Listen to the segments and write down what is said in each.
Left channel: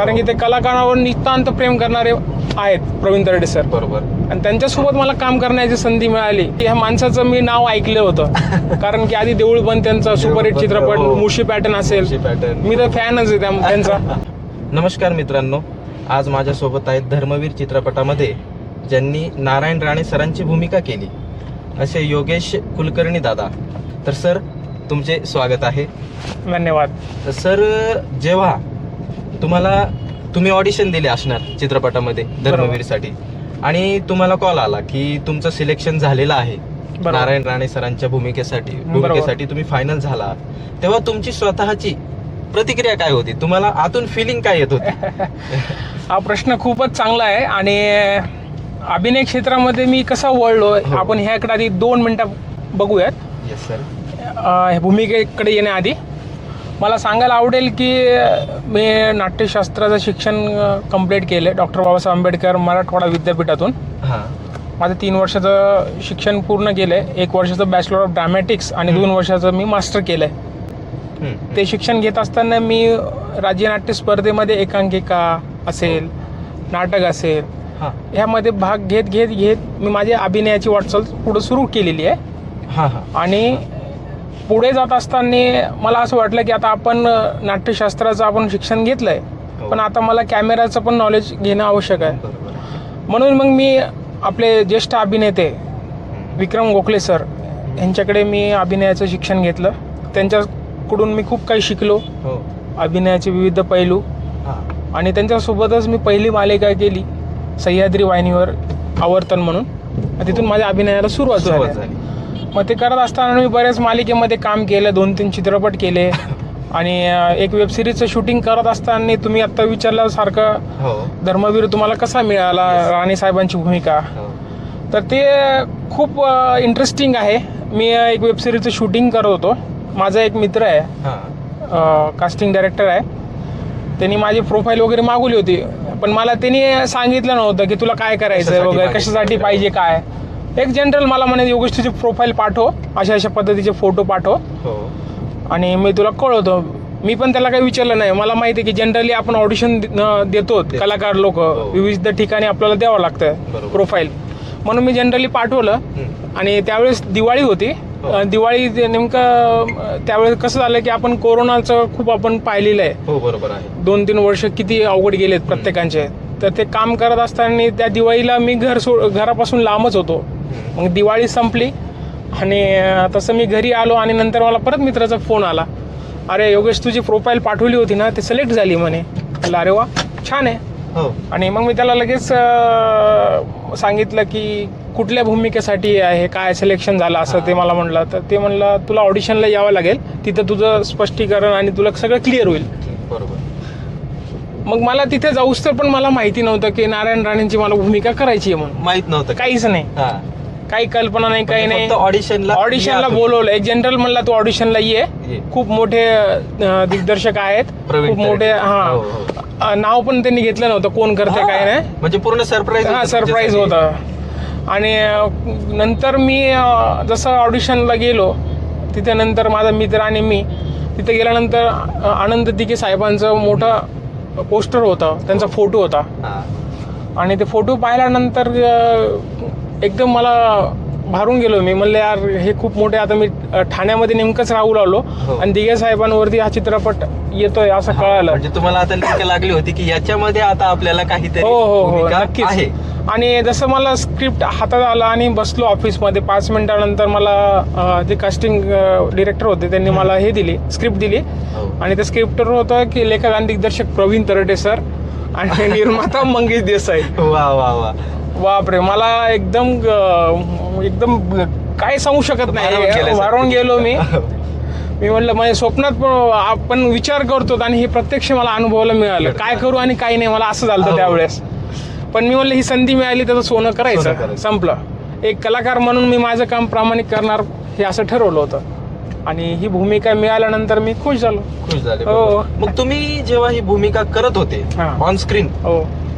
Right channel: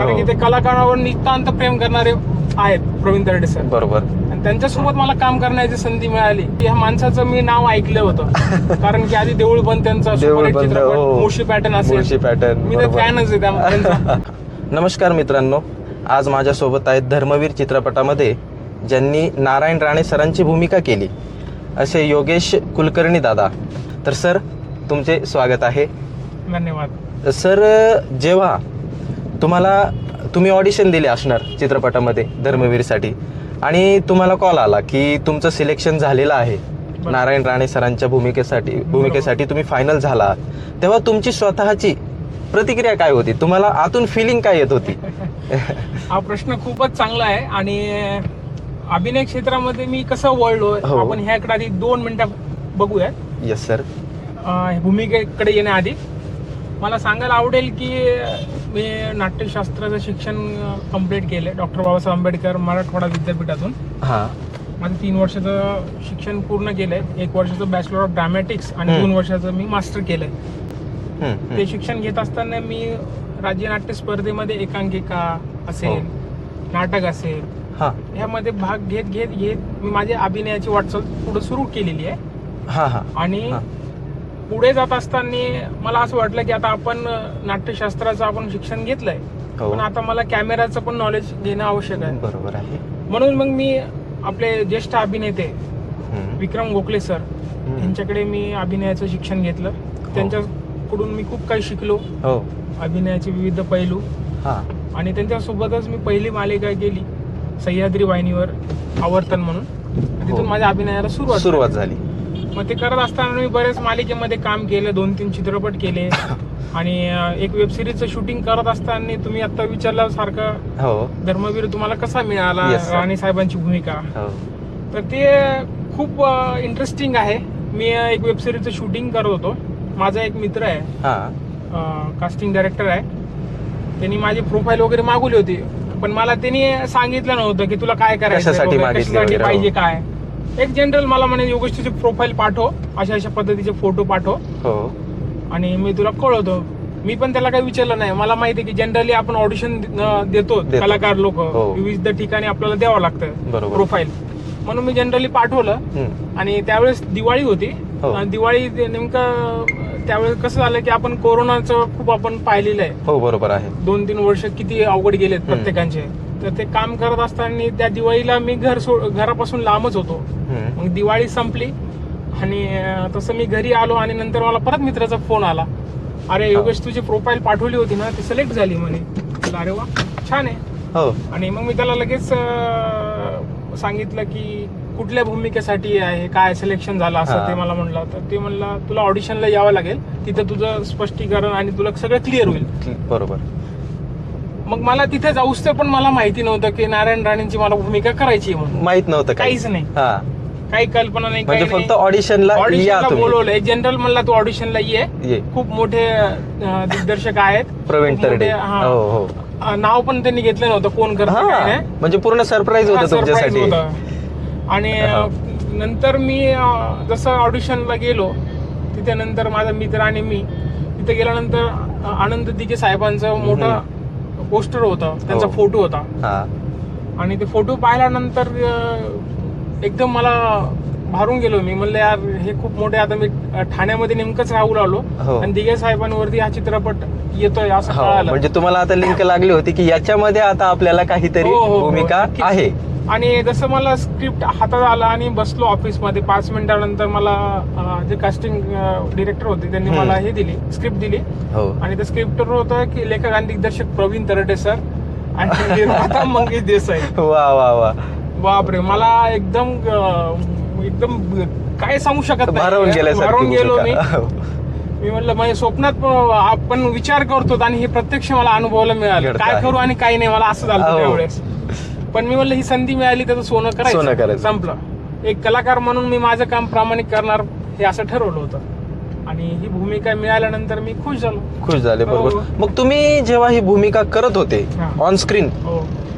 कारण की ते कलाकारांवर नितांत प्रेम करणारे आहेत प्रवीण तरडे सर. बरोबर. आणि त्यांच्यासोबत मला काम करण्याची संधी मिळाली की ह्या माणसाचं मी नाव ऐकलं होतं. कारण की आधी देऊळ बंद त्यांचा सुपरहिट चित्रपट, मुशी पॅटर्न असेल, मी तर फॅनच आहे त्यांचा. नमस्कार मित्रांनो, आज माझ्यासोबत आहेत धर्मवीर चित्रपटामध्ये ज्यांनी नारायण राणे सरांची भूमिका केली असे योगेश कुलकर्णी दादा. तर सर, तुमचे स्वागत आहे. धन्यवाद. तर सर, जेव्हा तुम्ही ऑडिशन दिले असणार चित्रपटामध्ये धर्मवीरसाठी आणि तुम्हाला कॉल आला की तुमचं सिलेक्शन झालेलं आहे नारायण राणे सरांच्या भूमिकेसाठी तुम्ही फायनल झाला, तेव्हा तुमची स्वतःची प्रतिक्रिया काय होती? तुम्हाला आतून फिलिंग काय येत होती? हा प्रश्न खूपच चांगला आहे. आणि अभिनय क्षेत्रामध्ये मी कसं वळलोय आपण ह्याकडे आधी 2 मिनिटात बघूयात. Yes sir. भूमिकेकडे येण्याआधी मला सांगायला आवडेल की मी नाट्यशास्त्राचं शिक्षण कंप्लीट केलं डॉक्टर बाबासाहेब आंबेडकर मराठवाडा विद्यापीठातून. माझं 3 वर्षाचं शिक्षण पूर्ण केलंय. 1 वर्षाचं बॅचलर ऑफ ड्रामॅटिक्स आणि 2 वर्षाचं मी मास्टर केलंय. ते शिक्षण घेत असताना मी राज्य नाट्य स्पर्धेमध्ये एकांकिका असेल, नाटक असेल, ह्यामध्ये भाग घेत मी माझी अभिनयाची वाटचाल पुढे सुरू केलेली आहे. आणि पुढे जात असताना मला असं वाटलं की आता आपण नाट्यशास्त्राचं आपण शिक्षण घेतलंय, पण आता मला कॅमेराचं पण नॉलेज घेणं आवश्यक आहे. म्हणून मग मी आपले ज्येष्ठ अभिनेते विक्रम गोखले सर यांच्याकडे मी अभिनयाचं शिक्षण घेतलं. त्यांच्याकडून मी खूप काही शिकलो, अभिनयाचे विविध पैलू. आणि त्यांच्यासोबतच मी पहिली मालिका केली सह्याद्री वाहिनीवर, आवर्तन म्हणून. तिथून माझ्या अभिनयाला सुरुवात झाली. मग ते करत असताना मी बऱ्याच मालिकेमध्ये काम केलं, 2-3 चित्रपट केले. आणि एक वेब सिरीजचं शूटिंग करत असताना तुम्ही आता विचारल्यासारखं धर्मवीर तुम्हाला कसा मिळाला, राणे साहेबांची भूमिका, तर ते खूप इंटरेस्टिंग आहे. मी एक वेब सिरीजचं शूटिंग करत होतो. माझा एक मित्र आहे, कास्टिंग डायरेक्टर आहे. त्यांनी माझी प्रोफाईल वगैरे मागवली होती, पण मला त्यांनी सांगितलं नव्हतं की तुला काय करायचं वगैरे, कशासाठी पाहिजे काय. एक जनरल मला म्हणे योगेश तुझी प्रोफाईल पाठव, अशा पद्धतीचे फोटो पाठव आणि मी तुला कळवतो. मी पण त्याला काही विचारलं नाही. मला माहिती आहे की जनरली आपण ऑडिशन देतो, कलाकार लोक विविध ठिकाणी आपल्याला द्यावं लागतं प्रोफाईल. म्हणून मी जनरली पाठवलं. आणि त्यावेळेस दिवाळी होती. दिवाळी नेमकं त्यावेळेस कसं झालं की आपण कोरोनाचं खूप आपण पाहिलेलं आहे. बरोबर आहे. 2-3 वर्ष किती अवघड गेलेत प्रत्येकांचे. तर ते काम करत असताना त्या दिवाळीला मी घरापासून लांबच होतो. मग दिवाळी संपली आणि तसं मी घरी आलो आणि नंतर मला परत मित्राचा फोन आला, अरे योगेश तुझी प्रोफाईल पाठवली होती ना, ते सिलेक्ट झाली म्हणे. अरे वा, छान आहे. आणि मग मी त्याला लगेच सांगितलं की कुठल्या भूमिकेसाठी आहे, काय सिलेक्शन झालं असं ते मला म्हणलं. तर ते म्हणलं तुला ऑडिशनला यावं लागेल, तिथं तुझं स्पष्टीकरण आणि तुला सगळं क्लिअर होईल. बरोबर. मग मला तिथे जाऊस तर पण मला माहिती नव्हतं की नारायण राणेंची मला भूमिका करायची आहे म्हणून. माहित नव्हतं, काहीच नाही, काही कल्पना नाही, काही नाही. ऑडिशनला बोलवलंय. जनरल म्हणला तू ऑडिशनला ये, खूप मोठे दिग्दर्शक आहेत, खूप मोठे. नाव पण त्यांनी घेतलं नव्हतं कोण करतं काय नाही, म्हणजे पूर्ण सरप्राईज होता. आणि नंतर मी जसं ऑडिशनला गेलो, तिथे नंतर माझा मित्र आणि मी तिथे गेल्यानंतर आनंद दिघे साहेबांचा मोठा पोस्टर होता, त्यांचा फोटो होता. आणि ते फोटो पाहिल्यानंतर एकदम मला भारून गेलो. मी म्हणलं यार हे खूप मोठे. आता मी ठाण्यामध्ये नेमकंच राहू लागलो आणि दिघे साहेबांवरती हा चित्रपट येतोय असं कळालं. म्हणजे तुम्हाला आता लिंक लागली होती की याच्यामध्ये आता आपल्याला काहीतरी भूमिका आहे. आणि जसं मला स्क्रिप्ट हातात आला आणि बसलो ऑफिसमध्ये, 5 मिनिटानंतर मला जे कास्टिंग डिरेक्टर होते त्यांनी मला हे दिली, स्क्रिप्ट दिली. आणि त्या स्क्रिप्टवर होतं की लेखक आणि दिग्दर्शक प्रवीण तरडे सर आणि निर्माता मंगेश देसाई. बापरे, मला एकदम काय सांगू शकत नाही, भारून गेलो मी. म्हणलं माझ्या स्वप्नात आपण विचार करतो आणि ही प्रत्यक्ष मला अनुभवायला मिळालं, काय करू आणि काय नाही, मला असं झालं त्यावेळेस. पण मी म्हणलं ही संधी मिळाली त्याचं सोनं करायचं, संपलं. एक कलाकार म्हणून मी माझं काम प्रामाणिक करणार हे असं ठरवलं होतं. आणि ही भूमिका मिळाल्यानंतर मी खुश झाले. मग तुम्ही जेव्हा ही भूमिका करत होते ऑन स्क्रीन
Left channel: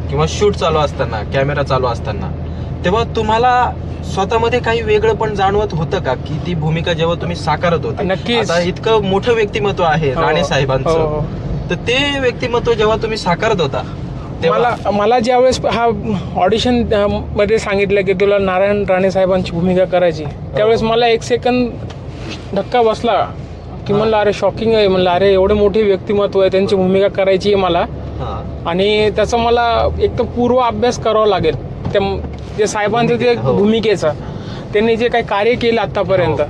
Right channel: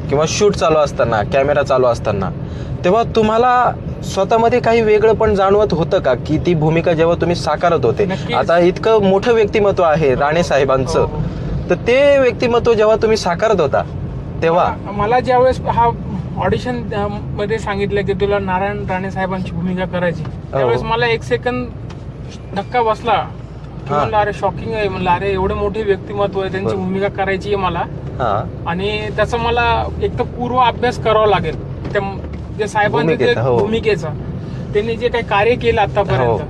किंवा शूट चालू असताना, कॅमेरा चालू असताना, तेव्हा तुम्हाला स्वतःमध्ये काही वेगळं पण जाणवत होतं का की ती भूमिका जेव्हा तुम्ही साकारत होते? आता इतकं मोठं व्यक्तिमत्व आहे राणे साहेबांचं, तर ते व्यक्तिमत्व जेव्हा तुम्ही साकारत होता तेव्हा मला ज्यावेळेस हा ऑडिशन मध्ये सांगितलं की तुला नारायण राणे साहेबांची भूमिका करायची, त्यावेळेस मला एक सेकंद धक्का बसला की म्हणलं अरे शॉकिंग आहे, म्हणलं अरे एवढे मोठे व्यक्तिमत्व आहे, त्यांची भूमिका करायची आहे मला. आणि त्याचा मला एक तर पूर्व अभ्यास करावा लागेल त्या साहेबांचं ते भूमिकेचा, त्यांनी जे काही कार्य केलं आतापर्यंत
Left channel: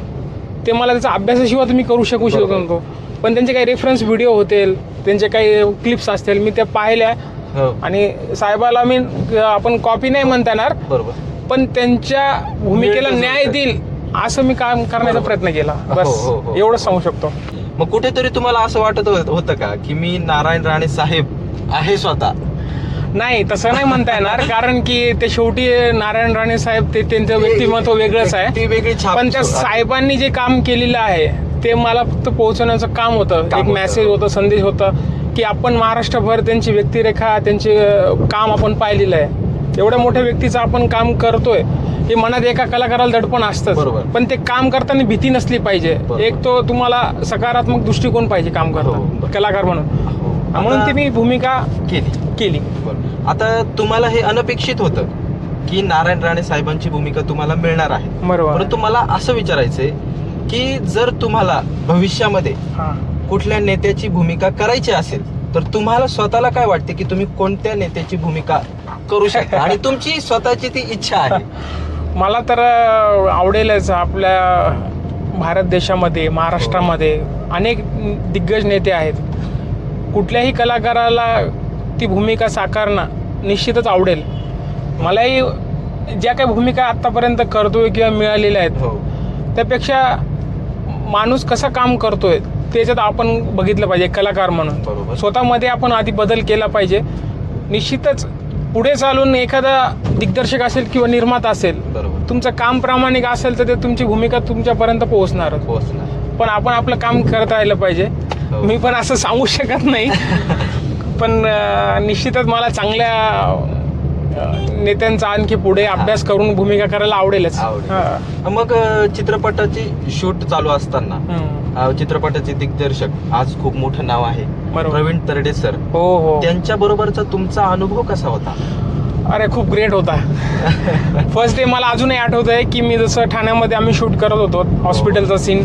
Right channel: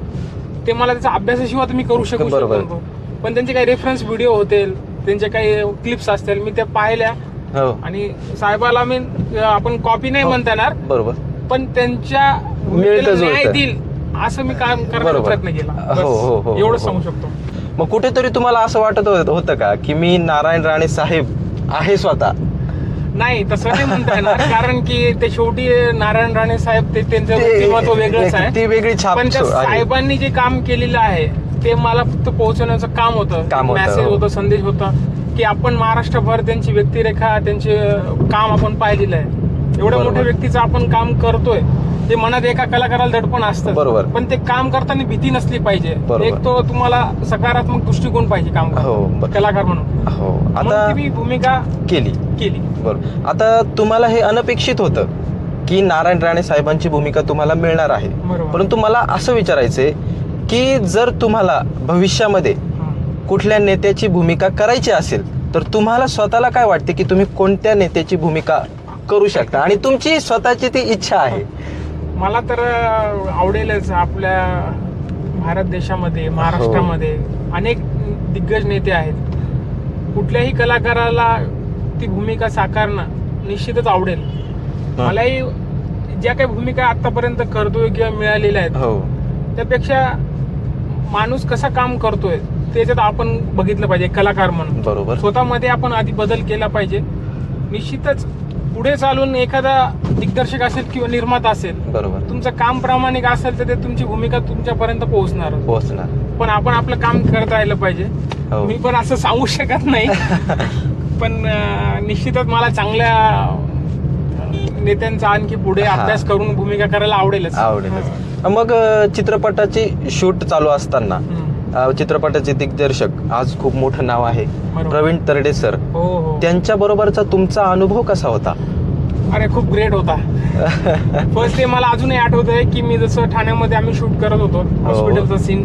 ते मला त्याचा अभ्यासाशिवाय तर मी करू शकतो. पण त्यांचे काही रेफरन्स व्हिडिओ होतील, त्यांचे काही क्लिप्स असतील, मी त्या पाहिल्या. आणि साहेबाला मी आपण कॉपी नाही म्हणता येणार, बरोबर, पण त्यांच्या भूमिकेला न्याय देईल असं मी काम करण्याचा प्रयत्न केला. एवढंच सांगू शकतो. मग कुठेतरी तुम्हाला असं वाटत होतं का की मी नारायण राणे साहेब आहे स्वतः? नाही, तसं नाही म्हणता येणार, कारण की ते शेवटी नारायण राणे साहेब ते त्यांचं व्यक्तिमत्व वेगळंच आहे, ती वेगळी छाप. पण त्या साहेबांनी जे काम केलेलं आहे ते मला फक्त पोहोचवण्याचं काम होतं, एक मेसेज होतं, संदेश होता की आपण महाराष्ट्रभर त्यांची व्यक्तिरेखा, त्यांचे काम आपण पाहिलेलं आहे. एवढ्या मोठ्या व्यक्तीचं आपण काम करतोय हे मनात एका कलाकाराला दडपण असतं, पण ते काम करताना भीती नसली पाहिजे. एक तो तुम्हाला सकारात्मक दृष्टिकोन पाहिजे काम करतो कलाकार म्हणून. म्हणून ती मी भूमिका केली. बरोबर. आता तुम्हाला हे अनपेक्षित होतं की नारायण राणे साहेबांची भूमिका तुम्हाला मिळणार आहे, परंतु मला असं विचारायचंय की जर तुम्हाला भविष्यामध्ये कुठल्या नेत्याची भूमिका करायची असेल तर तुम्हाला स्वतःला काय वाटते की तुम्ही कोणत्या नेत्याची भूमिका करू शकता आणि तुमची स्वतःची ती इच्छा आहे? मला तर आवडेलच. आपल्या भारत देशामध्ये, महाराष्ट्रामध्ये अनेक दिग्गज नेते आहेत. कुठल्याही कलाकाराला ती भूमिका साकारणं निश्चितच आवडेल. मलाही ज्या काही भूमिका आतापर्यंत करतोय किंवा मिळालेल्या आहेत त्यापेक्षा माणूस कसं काम करतोय त्याच्यात आपण बघितलं पाहिजे कलाकार म्हणून. बरोबर. स्वतःमध्ये आपण आधी बदल केला पाहिजे. निश्चितच पुढे चालून एखादा दिग्दर्शक असेल किंवा निर्माता असेल, बरोबर, तुमचं काम प्रामाणिक असेल तर ते तुमची भूमिका तुमच्यापर्यंत पोहोचणार. पण आपण आपलं काम करत राहिलं पाहिजे. मी पण असं सांगू शकत नाही, पण निश्चितच मला चांगल्या नेत्यांचा आणखी पुढे अभ्यास करून भूमिका करायला आवडेलच. मग चित्रपटाचे शूट चालू असताना चित्रपटाचे दिग्दर्शक आज खूप मोठं नाव आहे प्रवीण तरडे सर, त्यांच्या बरोबरचा तुमचा अनुभव कसा होता? अरे खूप ग्रेट होता. फर्स्ट डे मला अजूनही आठवत आहे की मी जसं ठाण्यामध्ये आम्ही शूट करत होतो हॉस्पिटलचा सीन,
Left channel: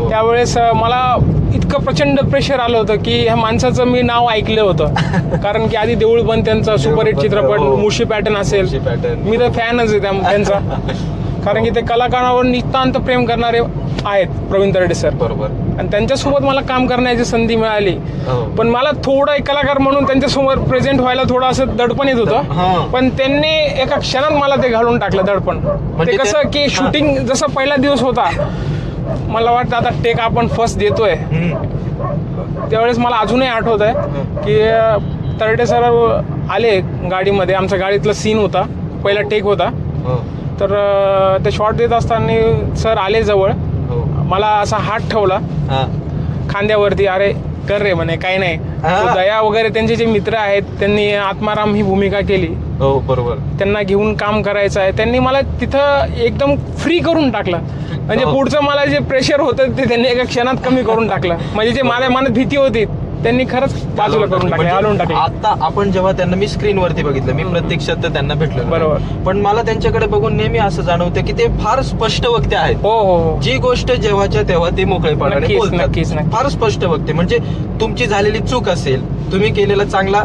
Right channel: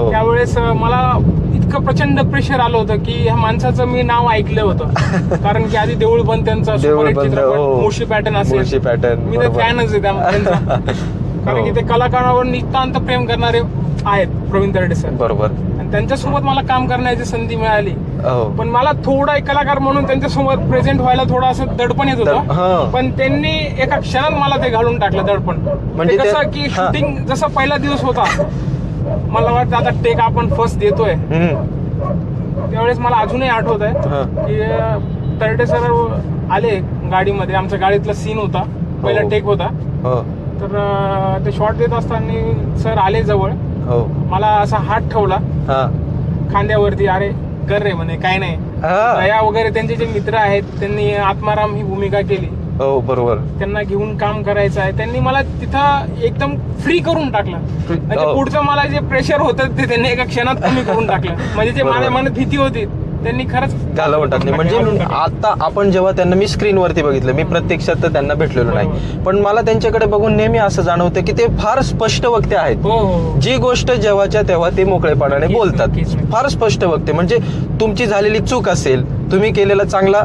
त्यावेळेस मला इतकं प्रचंड प्रेशर आलं होतं की ह्या माणसाचं मी नाव ऐकलं होतं. कारण की आधी देऊळ बंद त्यांचा सुपरहिट चित्रपट, मुळशी पॅटर्न असेल, मी तर फॅनच आहे त्यांचा. कारण की ते कलाकारांवर नितांत प्रेम करणारे आहेत प्रवीण तरडे सर. बरोबर. आणि त्यांच्यासोबत मला काम करण्याची संधी मिळाली, पण मला थोडा एक कलाकार म्हणून त्यांच्यासमोर प्रेझेंट व्हायला थोडं असं दडपण येत होतं. पण त्यांनी एका क्षणात मला ते घालून टाकलं दडपण. म्हणजे कसं की शूटिंग जसा पहिला दिवस होता, मला वाटतं आता टेक आपण फर्स्ट देतोय, त्यावेळेस मला अजूनही आठवत आहे की तरडे सर आले गाडीमध्ये, आमच्या गाडीतला सीन होता, पहिला टेक होता. तर ते शॉट देत असताना सर आले जवळ, मला असा हात ठेवला खांद्यावरती, अरे कर रे म्हणे, काय नाही. दया वगैरे त्यांचे जे मित्र आहेत त्यांनी आत्माराम ही भूमिका केली. बरोबर. त्यांना घेऊन काम करायचं आहे. त्यांनी मला तिथं एकदम फ्री करून टाकलं. म्हणजे पुढचं मला जे प्रेशर होतं ते त्यांनी एका क्षणात कमी करून टाकलं. म्हणजे जे माझ्या मनात भीती होती त्यांनी खरंच आता आपण जेव्हा त्यांना मी स्क्रीनवरती बघितलं, मी प्रत्यक्षात तर त्यांना भेटलेलो नाही, पण मला त्यांच्याकडे बघून नेहमी असं जाणवतं की ते फार स्पष्ट वक्ते आहेत. जी गोष्ट जेव्हाच्या तेव्हा ते मोकळेपणाने बोलतात, फार स्पष्ट वक्ते. म्हणजे तुमची झालेली चूक असेल, तुम्ही केलेला चांगला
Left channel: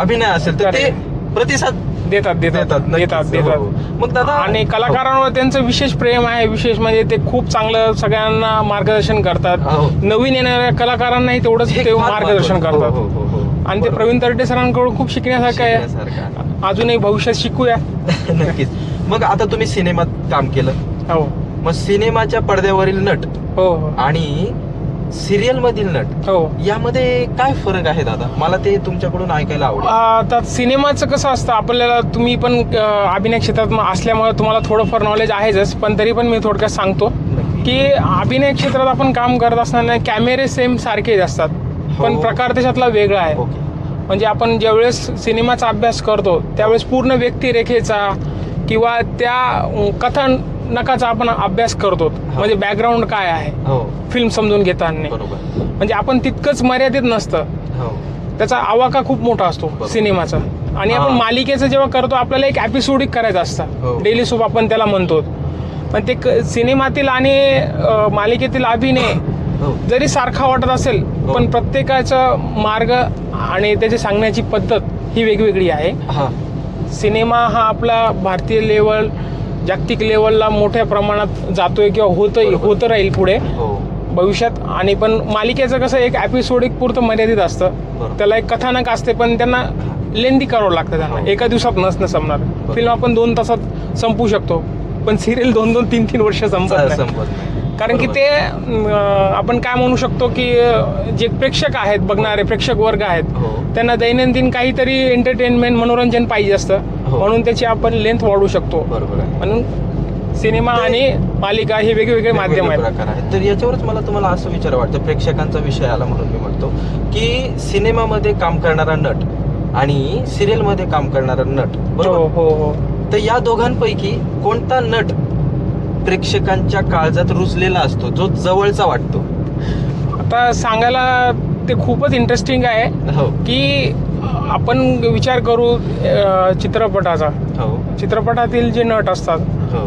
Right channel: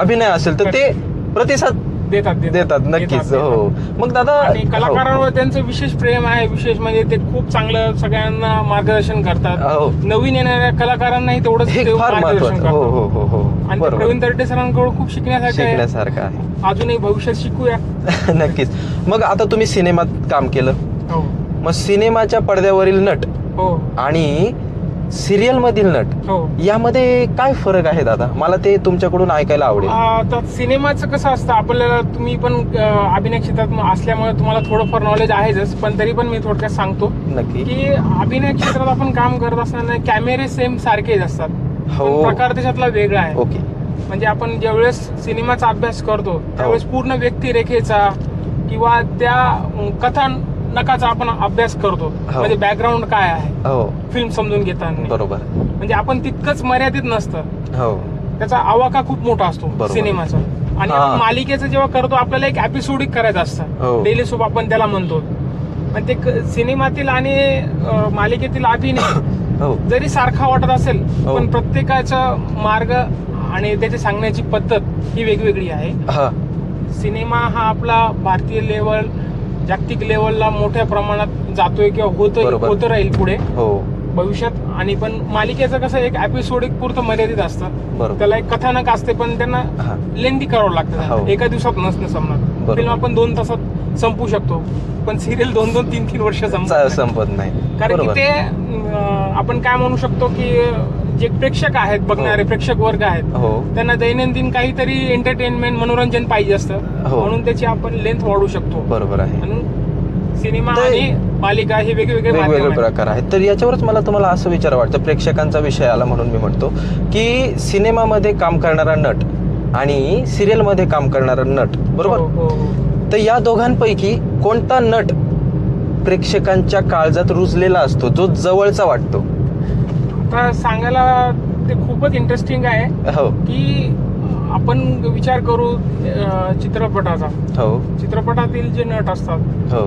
अभिनय असेल तर ते प्रतिसाद देतात. मग दादा, आणि कलाकारांवर त्यांचं विशेष प्रेम आहे. विशेष म्हणजे ते खूप चांगलं सगळ्यांना मार्गदर्शन करतात. नवीन येणाऱ्या कलाकारांनाही तेवढंच ते मार्गदर्शन करतात. आणि ते प्रवीण तरडे सरांकडून खूप शिकण्यासारखं आहे. अजूनही भविष्यात शिकूया. नक्कीच. मग आता तुम्ही सिनेमात काम केलं, मग सिनेमाच्या पडद्यावरील नट आणि सिरियल मधील नट यामध्ये काय फरक आहे दादा? मला ते तुमच्याकडून ऐकायला आवडेल. आता सिनेमाचं कसं असतं, आपल्याला तुम्ही पण अभिनय क्षेत्रात असल्यामुळे तुम्हाला थोडंफार नॉलेज आहेच, पण तरी पण मी थोडक्यात सांगतो की अभिनय क्षेत्रात आपण काम करत असताना कॅमेरे सेम सारखेच असतात, पण प्रकार त्याच्यातला वेगळा आहे. म्हणजे आपण ज्यावेळेस सिनेमाचा अभ्यास करतो त्यावेळेस पूर्ण व्यक्तिरेखेचा किंवा त्या कथन नकाचा आपण अभ्यास करतो, म्हणजे बॅकग्राऊंड काय आहे हो फिल्म समजून घेताना, बरोबर. म्हणजे आपण तितकंच मर्यादित नसतं, हो त्याचा आवाका खूप मोठा असतो बरोबर. सिनेमाचा. आणि आपण मालिकेचं जेव्हा करतो आपल्याला एक एपिसोडिक करायचं असतं, हो. डेली सोप आपण त्याला म्हणतो, पण ते सिनेमातील आणि मालिकेतील अभिनय हो जरी सारखा वाटत असेल हो. पण प्रत्येकाचा मार्ग आणि त्याची सांगण्याची पद्धत ही वेगवेगळी आहे. हा सिनेमा हा आपला भारतीय लेवल जागतिक लेवलला मोठ्या प्रमाणात जातोय किंवा बरोबर. होत राहील पुढे हो भविष्यात. आणि पण मालिकेचं कसं एक एपिसोडिक पुरतं मर्यादित असतं, बरोबर. त्याला एक कथानक असते पण त्यांना हा. लेंदी करावं लागतं त्यांना. हो. एका दिवसात नसणं संपणार. बरोबर. फिल्म आपण 2 तासात संपू शकतो पण सिरियल 2-2, 3-3 वर्ष संपत नाही. संपत नाही, कारण की बरोबर. ते आपण काय म्हणू शकतो की जे प्रेक्षक आहेत, बघणारे प्रेक्षक वर्ग आहेत, हो त्यांना दैनंदिन काहीतरी एंटरटेनमेंट मनोरंजन पाहिजे असतं, हो. म्हणून त्याची आपण लेंथ वाढवू शकतो. बरोबर आहे. म्हणून सिनेमा आणि मालिका ही वेगवेगळे माध्यम वेगवेगळे आहेत. प्रकार आहेत. तर याच्यावरच मला तुम्हाला असं विचार वाटतं, प्रेक्षकांचा विषय आला म्हणून मी म्हणतो की सिनेमामध्ये काम करणारा नट आणि सिरियल मध्ये काम करणारा नट, हो बरोबर, हो हो. तर या दोघांपैकी कोणता नट प्रेक्षकांच्या काळजात रुजलेला असतो, जो जवळचा वाटतो? आता सांगायला ते खूपच इंटरेस्टिंग आहे हो की आपण विचार करू चित्रपटाचा. हो चित्रपटातील जे नट असतात हो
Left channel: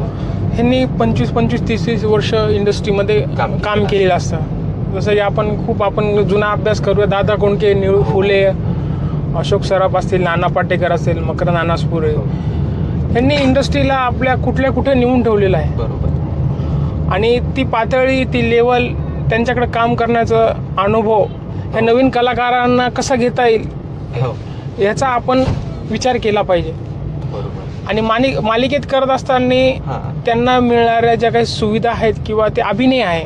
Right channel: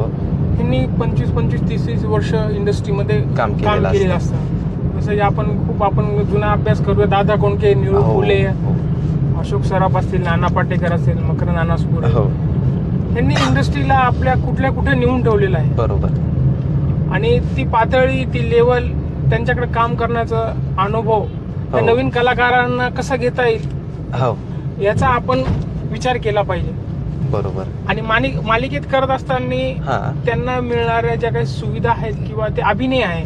ह्यांनी 25-25, 30-30 वर्ष इंडस्ट्रीमध्ये काम काम केलेलं केलेलं असतं. जसं की आपण जुना अभ्यास करूया, दादा कोंडके, निळू हो. फुले, अशोक सराफ असतील, नाना पाटेकर असेल, मकरंद अनासपुरे, हो ह्यांनी इंडस्ट्रीला आपल्या कुठे नेऊन ठेवलेलं आहे. बरोबर. आणि ती पातळी, ती लेवल, त्यांच्याकडे काम करण्याचा अनुभव हे हो. नवीन कलाकारांना कसा घेता येईल हो याचा आपण विचार केला पाहिजे. बरोबर. आणि मालिकेत करत असताना हा त्यांना मिळणाऱ्या ज्या काही सुविधा आहेत किंवा ते अभिनय आहे,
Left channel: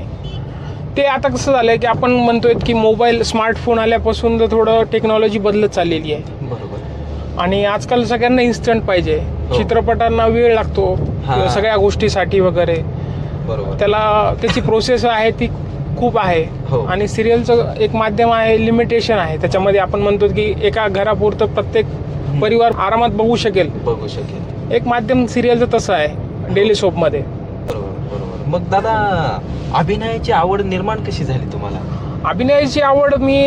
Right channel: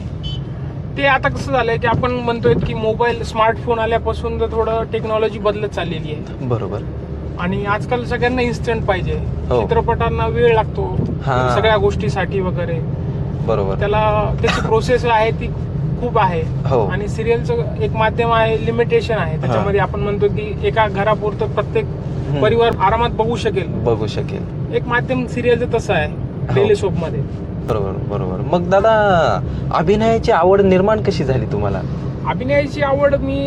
ते आता कसं झालंय की आपण म्हणतोय की मोबाईल, स्मार्टफोन आल्यापासून तर थोडं टेक्नॉलॉजी बदलत चाललेली आहे. बरोबर. आणि आजकाल सगळ्यांना इन्स्टंट पाहिजे. हो. चित्रपटांना वेळ लागतो हा. सगळ्या गोष्टीसाठी वगैरे, बरोबर. त्याला त्याची प्रोसेस आहे ती खूप आहे. हो. आणि सिरियलचं एक माध्यम आहे, लिमिटेशन आहे त्याच्यामध्ये. आपण म्हणतो की एका घरापुरतं प्रत्येक परिवार आरामात बघू शकेल. एक माध्यम सिरियलचं तसं आहे डेली सोप मध्ये. बरोबर बरोबर. मग दादा, अभिनयाची आवड निर्माण कशी झाली तुम्हाला? अभिनयाची आवड मी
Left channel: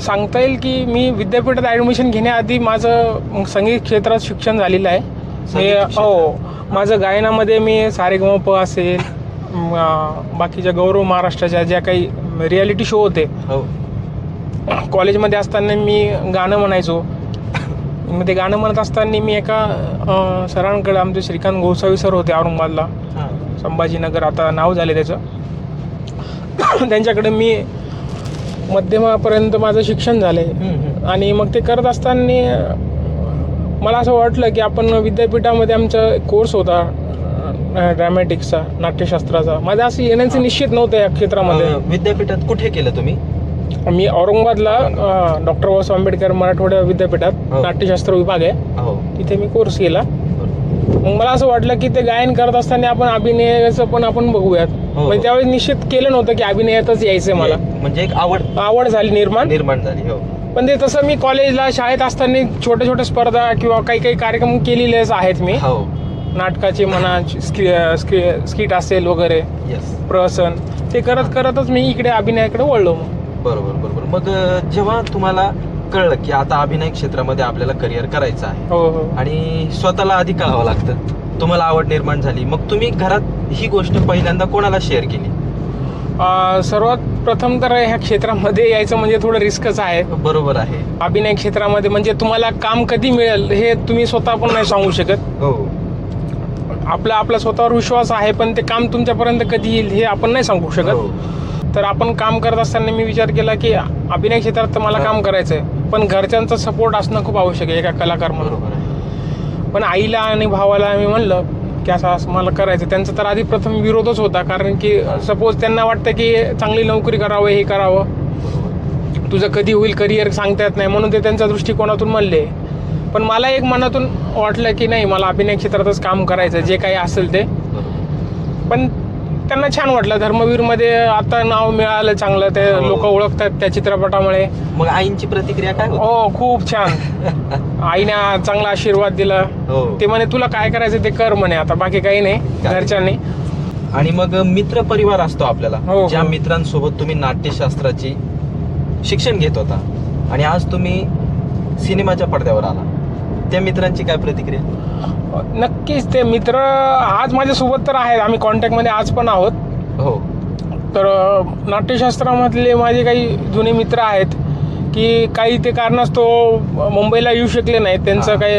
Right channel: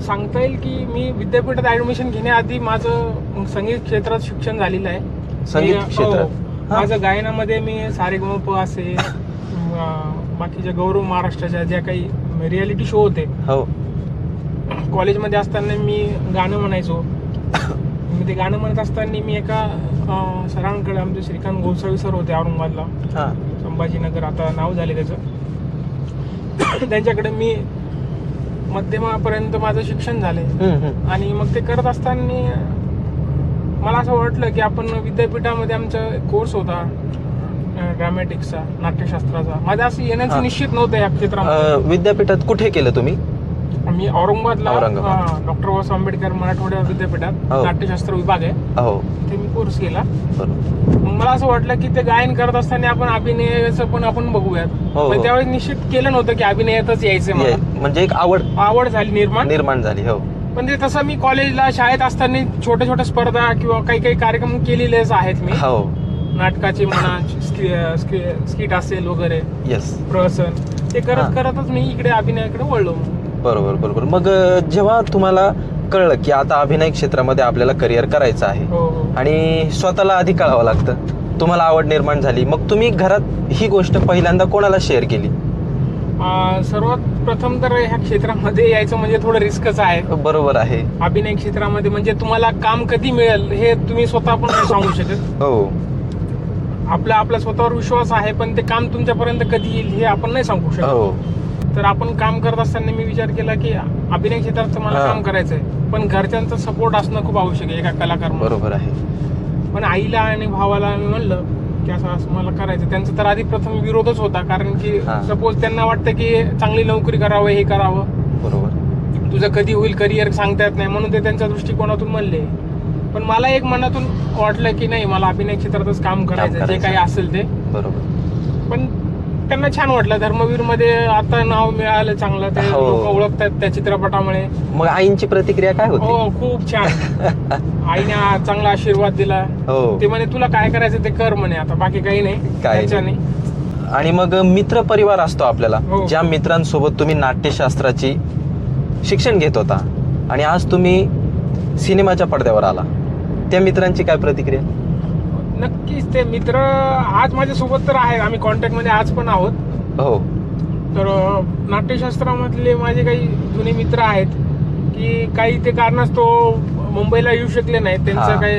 सांगता येईल की मी विद्यापीठात ऍडमिशन घेण्याआधी माझं संगीत क्षेत्रात शिक्षण झालेलं आहे. संगीत क्षेत्रात? हो. माझं गायनामध्ये मी सारेगमप असेल, बाकीच्या गौरव महाराष्ट्राच्या ज्या काही रियालिटी शो होते, हो कॉलेजमध्ये असताना मी गाणं म्हणायचो. मग ते गाणं म्हणत असताना मी एका सरांकडे, आमचे श्रीकांत गोसावी सर होते औरंगाबादला, हा संभाजीनगर आता नाव झाले त्याचं, त्यांच्याकडे मी मध्यमापर्यंत माझं शिक्षण झालंय. आणि मग ते करत असताना मला असं वाटलं की आपण विद्यापीठामध्ये आमचा कोर्स होता ड्रॅमॅटिक्सचा, नाट्यशास्त्राचा. माझं असं येण्याचं निश्चित नव्हतं या क्षेत्रामध्ये. विद्यापीठात कुठे केलं तुम्ही? मी औरंगाबादला डॉक्टर बाबासाहेब आंबेडकर मराठवाडा विद्यापीठात हो. नाट्यशास्त्र विभाग आहे, हो तिथे मी कोर्स केला. बरोबर. मग मला असं वाटलं की ते गायन करत असताना आपण अभिनयाचं पण आपण बघूयात. हो. म्हणजे त्यावेळेस निश्चित केलं नव्हतं की अभिनयातच यायचंय मला. म्हणजे एक आवड झाली निर्माण झाली. हो पण ते तसं मी कॉलेजला, शाळेत असताना छोट्या स्पर्धा किंवा काही कार्यक्रम केलेलेच आहेत मी. हो नाटकाचे म्हणा, स्किट असेल वगैरे, येस प्रहसन, ते करतच मी इकडे अभिनयाकडे वळलो. बरोबर बरोबर. मग जेव्हा तुम्हाला कळलं की आता अभिनय क्षेत्रामध्ये आपल्याला करिअर करायचं आहे, हो हो. आणि स्वतःला आधी कळावं लागतं, तुम्हाला आवड निर्माण झाली, मग तुम्ही घरात ही गोष्ट पहिल्यांदा कोणाला शेअर केली? सर्वात प्रथम तर ह्या क्षेत्रामध्ये यायचं म्हणजे थोडं रिस्कच आहे. बरोबर आहे. अभिनय क्षेत्रामध्ये म्हणजे तुम्हाला काम कधी मिळेल हे तुम्ही स्वतः पण नाही सांगू शकत. हो आपला स्वतःवर विश्वास आहे पण ते काम तुमच्यापर्यंत कधी येईल हे आपण नाही सांगू हो शकत. तर आपण काम करत असताना मी विचार केला की अभिनय क्षेत्रात तर मला काम करायचंय, पण घरच्यांचा सपोर्ट असणं खूप आवश्यक आहे एका कलाकार म्हणून. बरोबर आहे. पण आईला आणि भावाला मी म्हणलं की असं मला करायचं. त्यांचा तर आधी प्रथम विरोधच होता, कारण की सपोज त्यांना वाटतं की चांगली नोकरी करावं, हे करावं, बरोबर. तुझं कधी होईल करिअर सांगता येत नाही, म्हणून ते त्यांच्या दृष्टिकोनातून म्हणले. पण मला एक मनातून वाटलं की नाही, मला अभिनय क्षेत्रातच काम करायचं, जे काही असेल ते. बरोबर. पण त्यांना छान वाटलं. धर्मवीर मध्ये आता नाव मिळालं चांगलं, ते हो. लोक ओळखतात त्या चित्रपटामुळे. मग आईंची प्रतिक्रिया काय होती? हो, खूप छान. आईने चांगला आशीर्वाद दिला. हो. ते म्हणे तुला काय करायचं ते कर म्हणे, आता बाकी काही नाही काय? घरच्यांनी. आणि मग मित्र परिवार असतो आपल्याला, हो. ज्या मित्रांसोबत तुम्ही नाट्यशास्त्राची शिक्षण घेत होता आणि आज तुम्ही सिनेमाच्या पडद्यावर आला, त्या मित्रांची काय प्रतिक्रिया? नक्कीच ते मित्र आज माझ्यासोबत तर आहेत, आम्ही कॉन्टॅक्ट मध्ये आज पण आहोत. हो. तर नाट्यशास्त्रामधले माझे काही जुने मित्र आहेत की काही ते कारणास्तव मुंबईला येऊ शकले नाहीत. त्यांचं हा. काही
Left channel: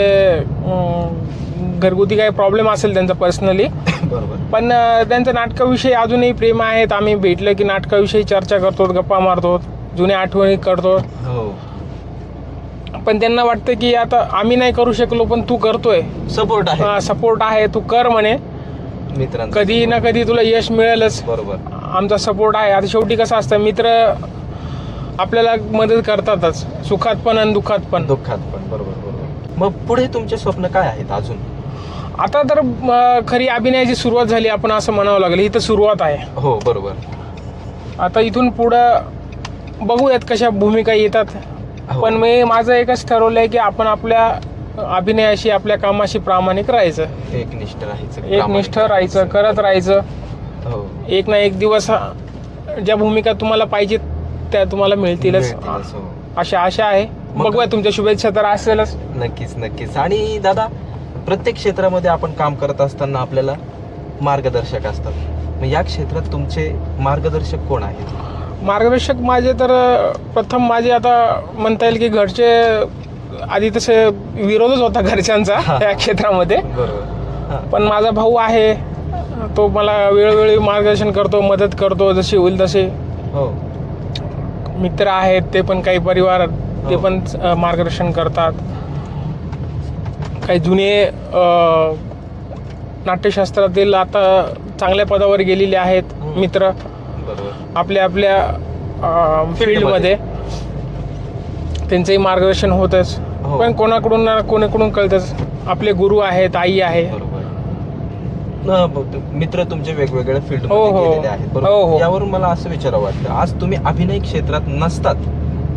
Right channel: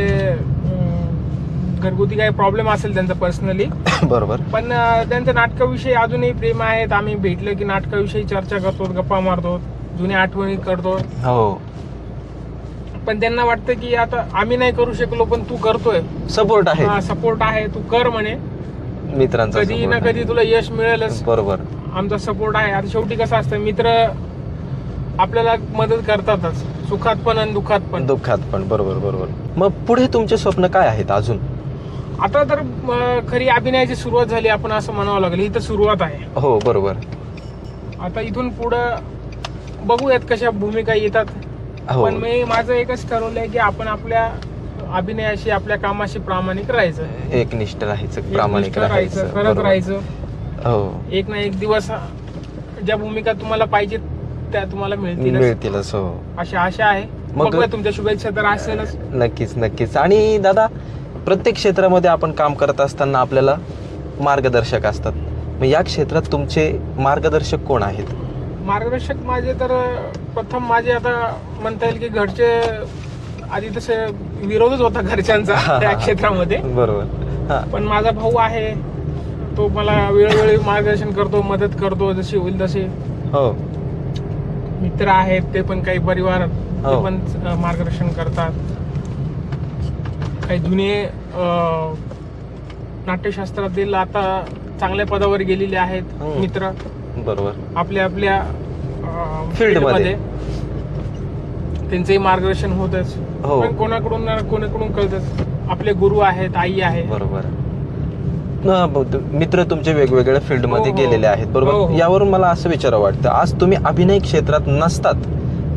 घरगुती काही प्रॉब्लेम असेल त्यांचा पर्सनली, बरोबर. पण त्यांच्या नाटकाविषयी अजूनही प्रेम आहेत. आम्ही भेटलं की नाटकाविषयी चर्चा करतो, गप्पा मारतो, जुन्या आठवणी करतो. हो. पण त्यांना वाटतं की आता आम्ही नाही करू शकलो पण तू करतोय, सपोर्ट आहे सपोर्ट आहे, तू कर म्हणे, मित्रांचा. कधी ना कधी तुला यश मिळेलच. बरोबर. आमचा सपोर्ट आहे. आता शेवटी कसं असतं, मित्र आपल्याला मदत करतातच, सुखात पण आणि दुःखात पण. दुःखात पण. बरोबर बरोबर. मग पुढे तुमचे स्वप्न काय आहेत अजून? आता तर खरी अभिनयाची सुरुवात झाली आपण असं म्हणावं लागेल. ही तर सुरुवात आहे. हो बरोबर. आता इथून पुढं बघूयात कशा भूमिका येतात. हो. पण मी माझं एकच ठरवलंय की आपण आपल्या अभिनयाशी, आपल्या कामाशी प्रामाणिक राहायचं, एकनिष्ठ राहायचं, एकनिष्ठ राहायचं, करत राहायचं. हो. एक ना एक दिवस ज्या भूमिका तुम्हाला पाहिजेत त्या तुम्हाला मिळतीलच, हो. अशा आशा आहे. मग- बघूया, तुमच्या शुभेच्छा तर असेलच. नक्कीच नक्कीच. आणि दादा, प्रत्येक क्षेत्रामध्ये आपण काम करत असताना आपल्याला मार्गदर्शक असतात. मग या क्षेत्रात तुमचे मार्गदर्शक कोण आहेत? मार्गदर्शक माझे तर प्रथम माझे आता म्हणता येईल की घरचे, आधी तसे विरोधच होता घरच्यांचा या क्षेत्रामध्ये. बरोबर. पण माझा भाऊ आहे, तो मला वेळोवेळी मार्गदर्शन करतो, मदत करतो जशी होईल तसे. हो. मित्र आहेत ते पण, काही परिवार ते हो. पण मार्गदर्शन करतात. काही जुने नाट्यशास्त्रातील आता चांगल्या पदावर गेलेले आहेत मित्र, बरोबर. आपल्या आपल्या फील्डमध्ये त्यांचंही मार्गदर्शन होतच. हो. पण कोणाकडून ना कोणाकडून कळतच. आपले गुरु आहेत, आई आहे. बरोबर. मित्र तुमचे वेगवेगळ्या फील्ड मध्ये हो, हो. गेलेले आहेत, हो, बरोबर. हो. यावरून मला असं विचारावं वाटतं, आज तुम्ही अभिनय क्षेत्रात नसतात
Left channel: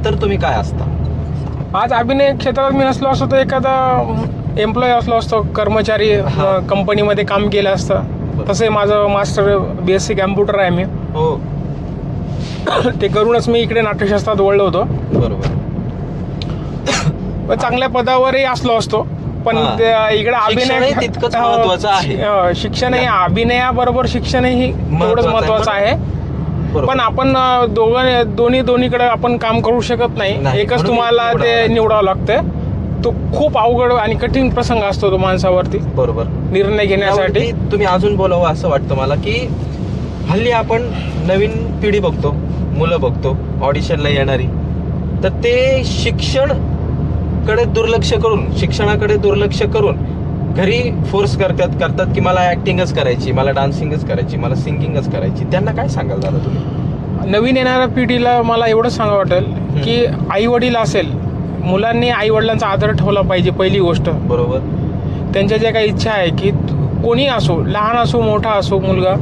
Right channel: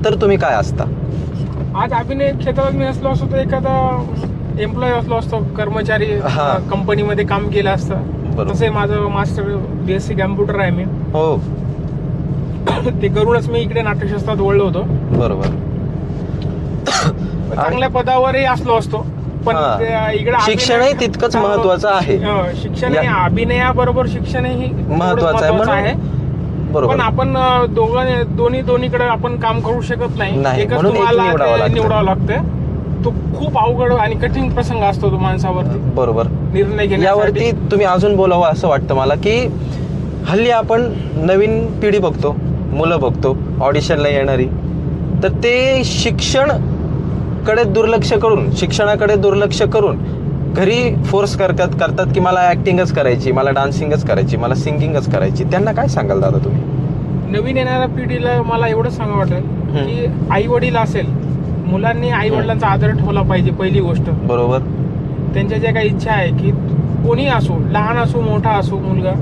तर तुम्ही काय असता? आज अभिनय क्षेत्रात मी नसलो असतो तर एखादा एम्प्लॉई असलो असतो, कर्मचारी हा. कंपनीमध्ये काम केलं असतं. बरोबर. तसंही माझं मास्टर BSc कॅम्प्युटर आहे मी. हो. ते करूनच मी इकडे नाट्यशास्त्रात वळलो होतो. बरोबर. पण चांगल्या पदावरही असलो असतो, पण हा. इकडे शिक्षणही तितकंच महत्त्वाचं आहे. शिक्षण हे अभिनयाबरोबर शिक्षणही तेवढंच महत्वाचं आहे. बरोबर. पण आपण दोन्हीकडे आपण काम करू शकत नाही. नाही, एकच म्हणून एक तुम्हाला निवडावं ते लागतं. निवडावं लागतं. तो खूप अवघड आणि कठीण प्रसंग असतो तो माणसावरती बरोबर. निर्णय घेण्यासाठी. यावरती तुम्ही अजून बोलावं असं वाटतं मला, की हल्ली आपण नवीन पिढी बघतो, मुलं बघतो ऑडिशनला येणारी, तर ते शिक्षणाकडे दुर्लक्ष करून घरी फोर्स करतात की मला ऍक्टिंगच करायची, मला डान्सिंगच करायची, मला सिंगिंगच करायची. त्यांना काय सांगाल दादा तुम्ही? नवीन येणाऱ्या पिढीला मला एवढंच सांगावं वाटेल की आई वडील असेल, मुलांनी आई वडिलांचा आदर ठेवला पाहिजे. पहिली गोष्ट, बरोबर. त्यांच्या ज्या काही इच्छा आहे की कोणी असो, लहान असो मोठा असो मुलगा,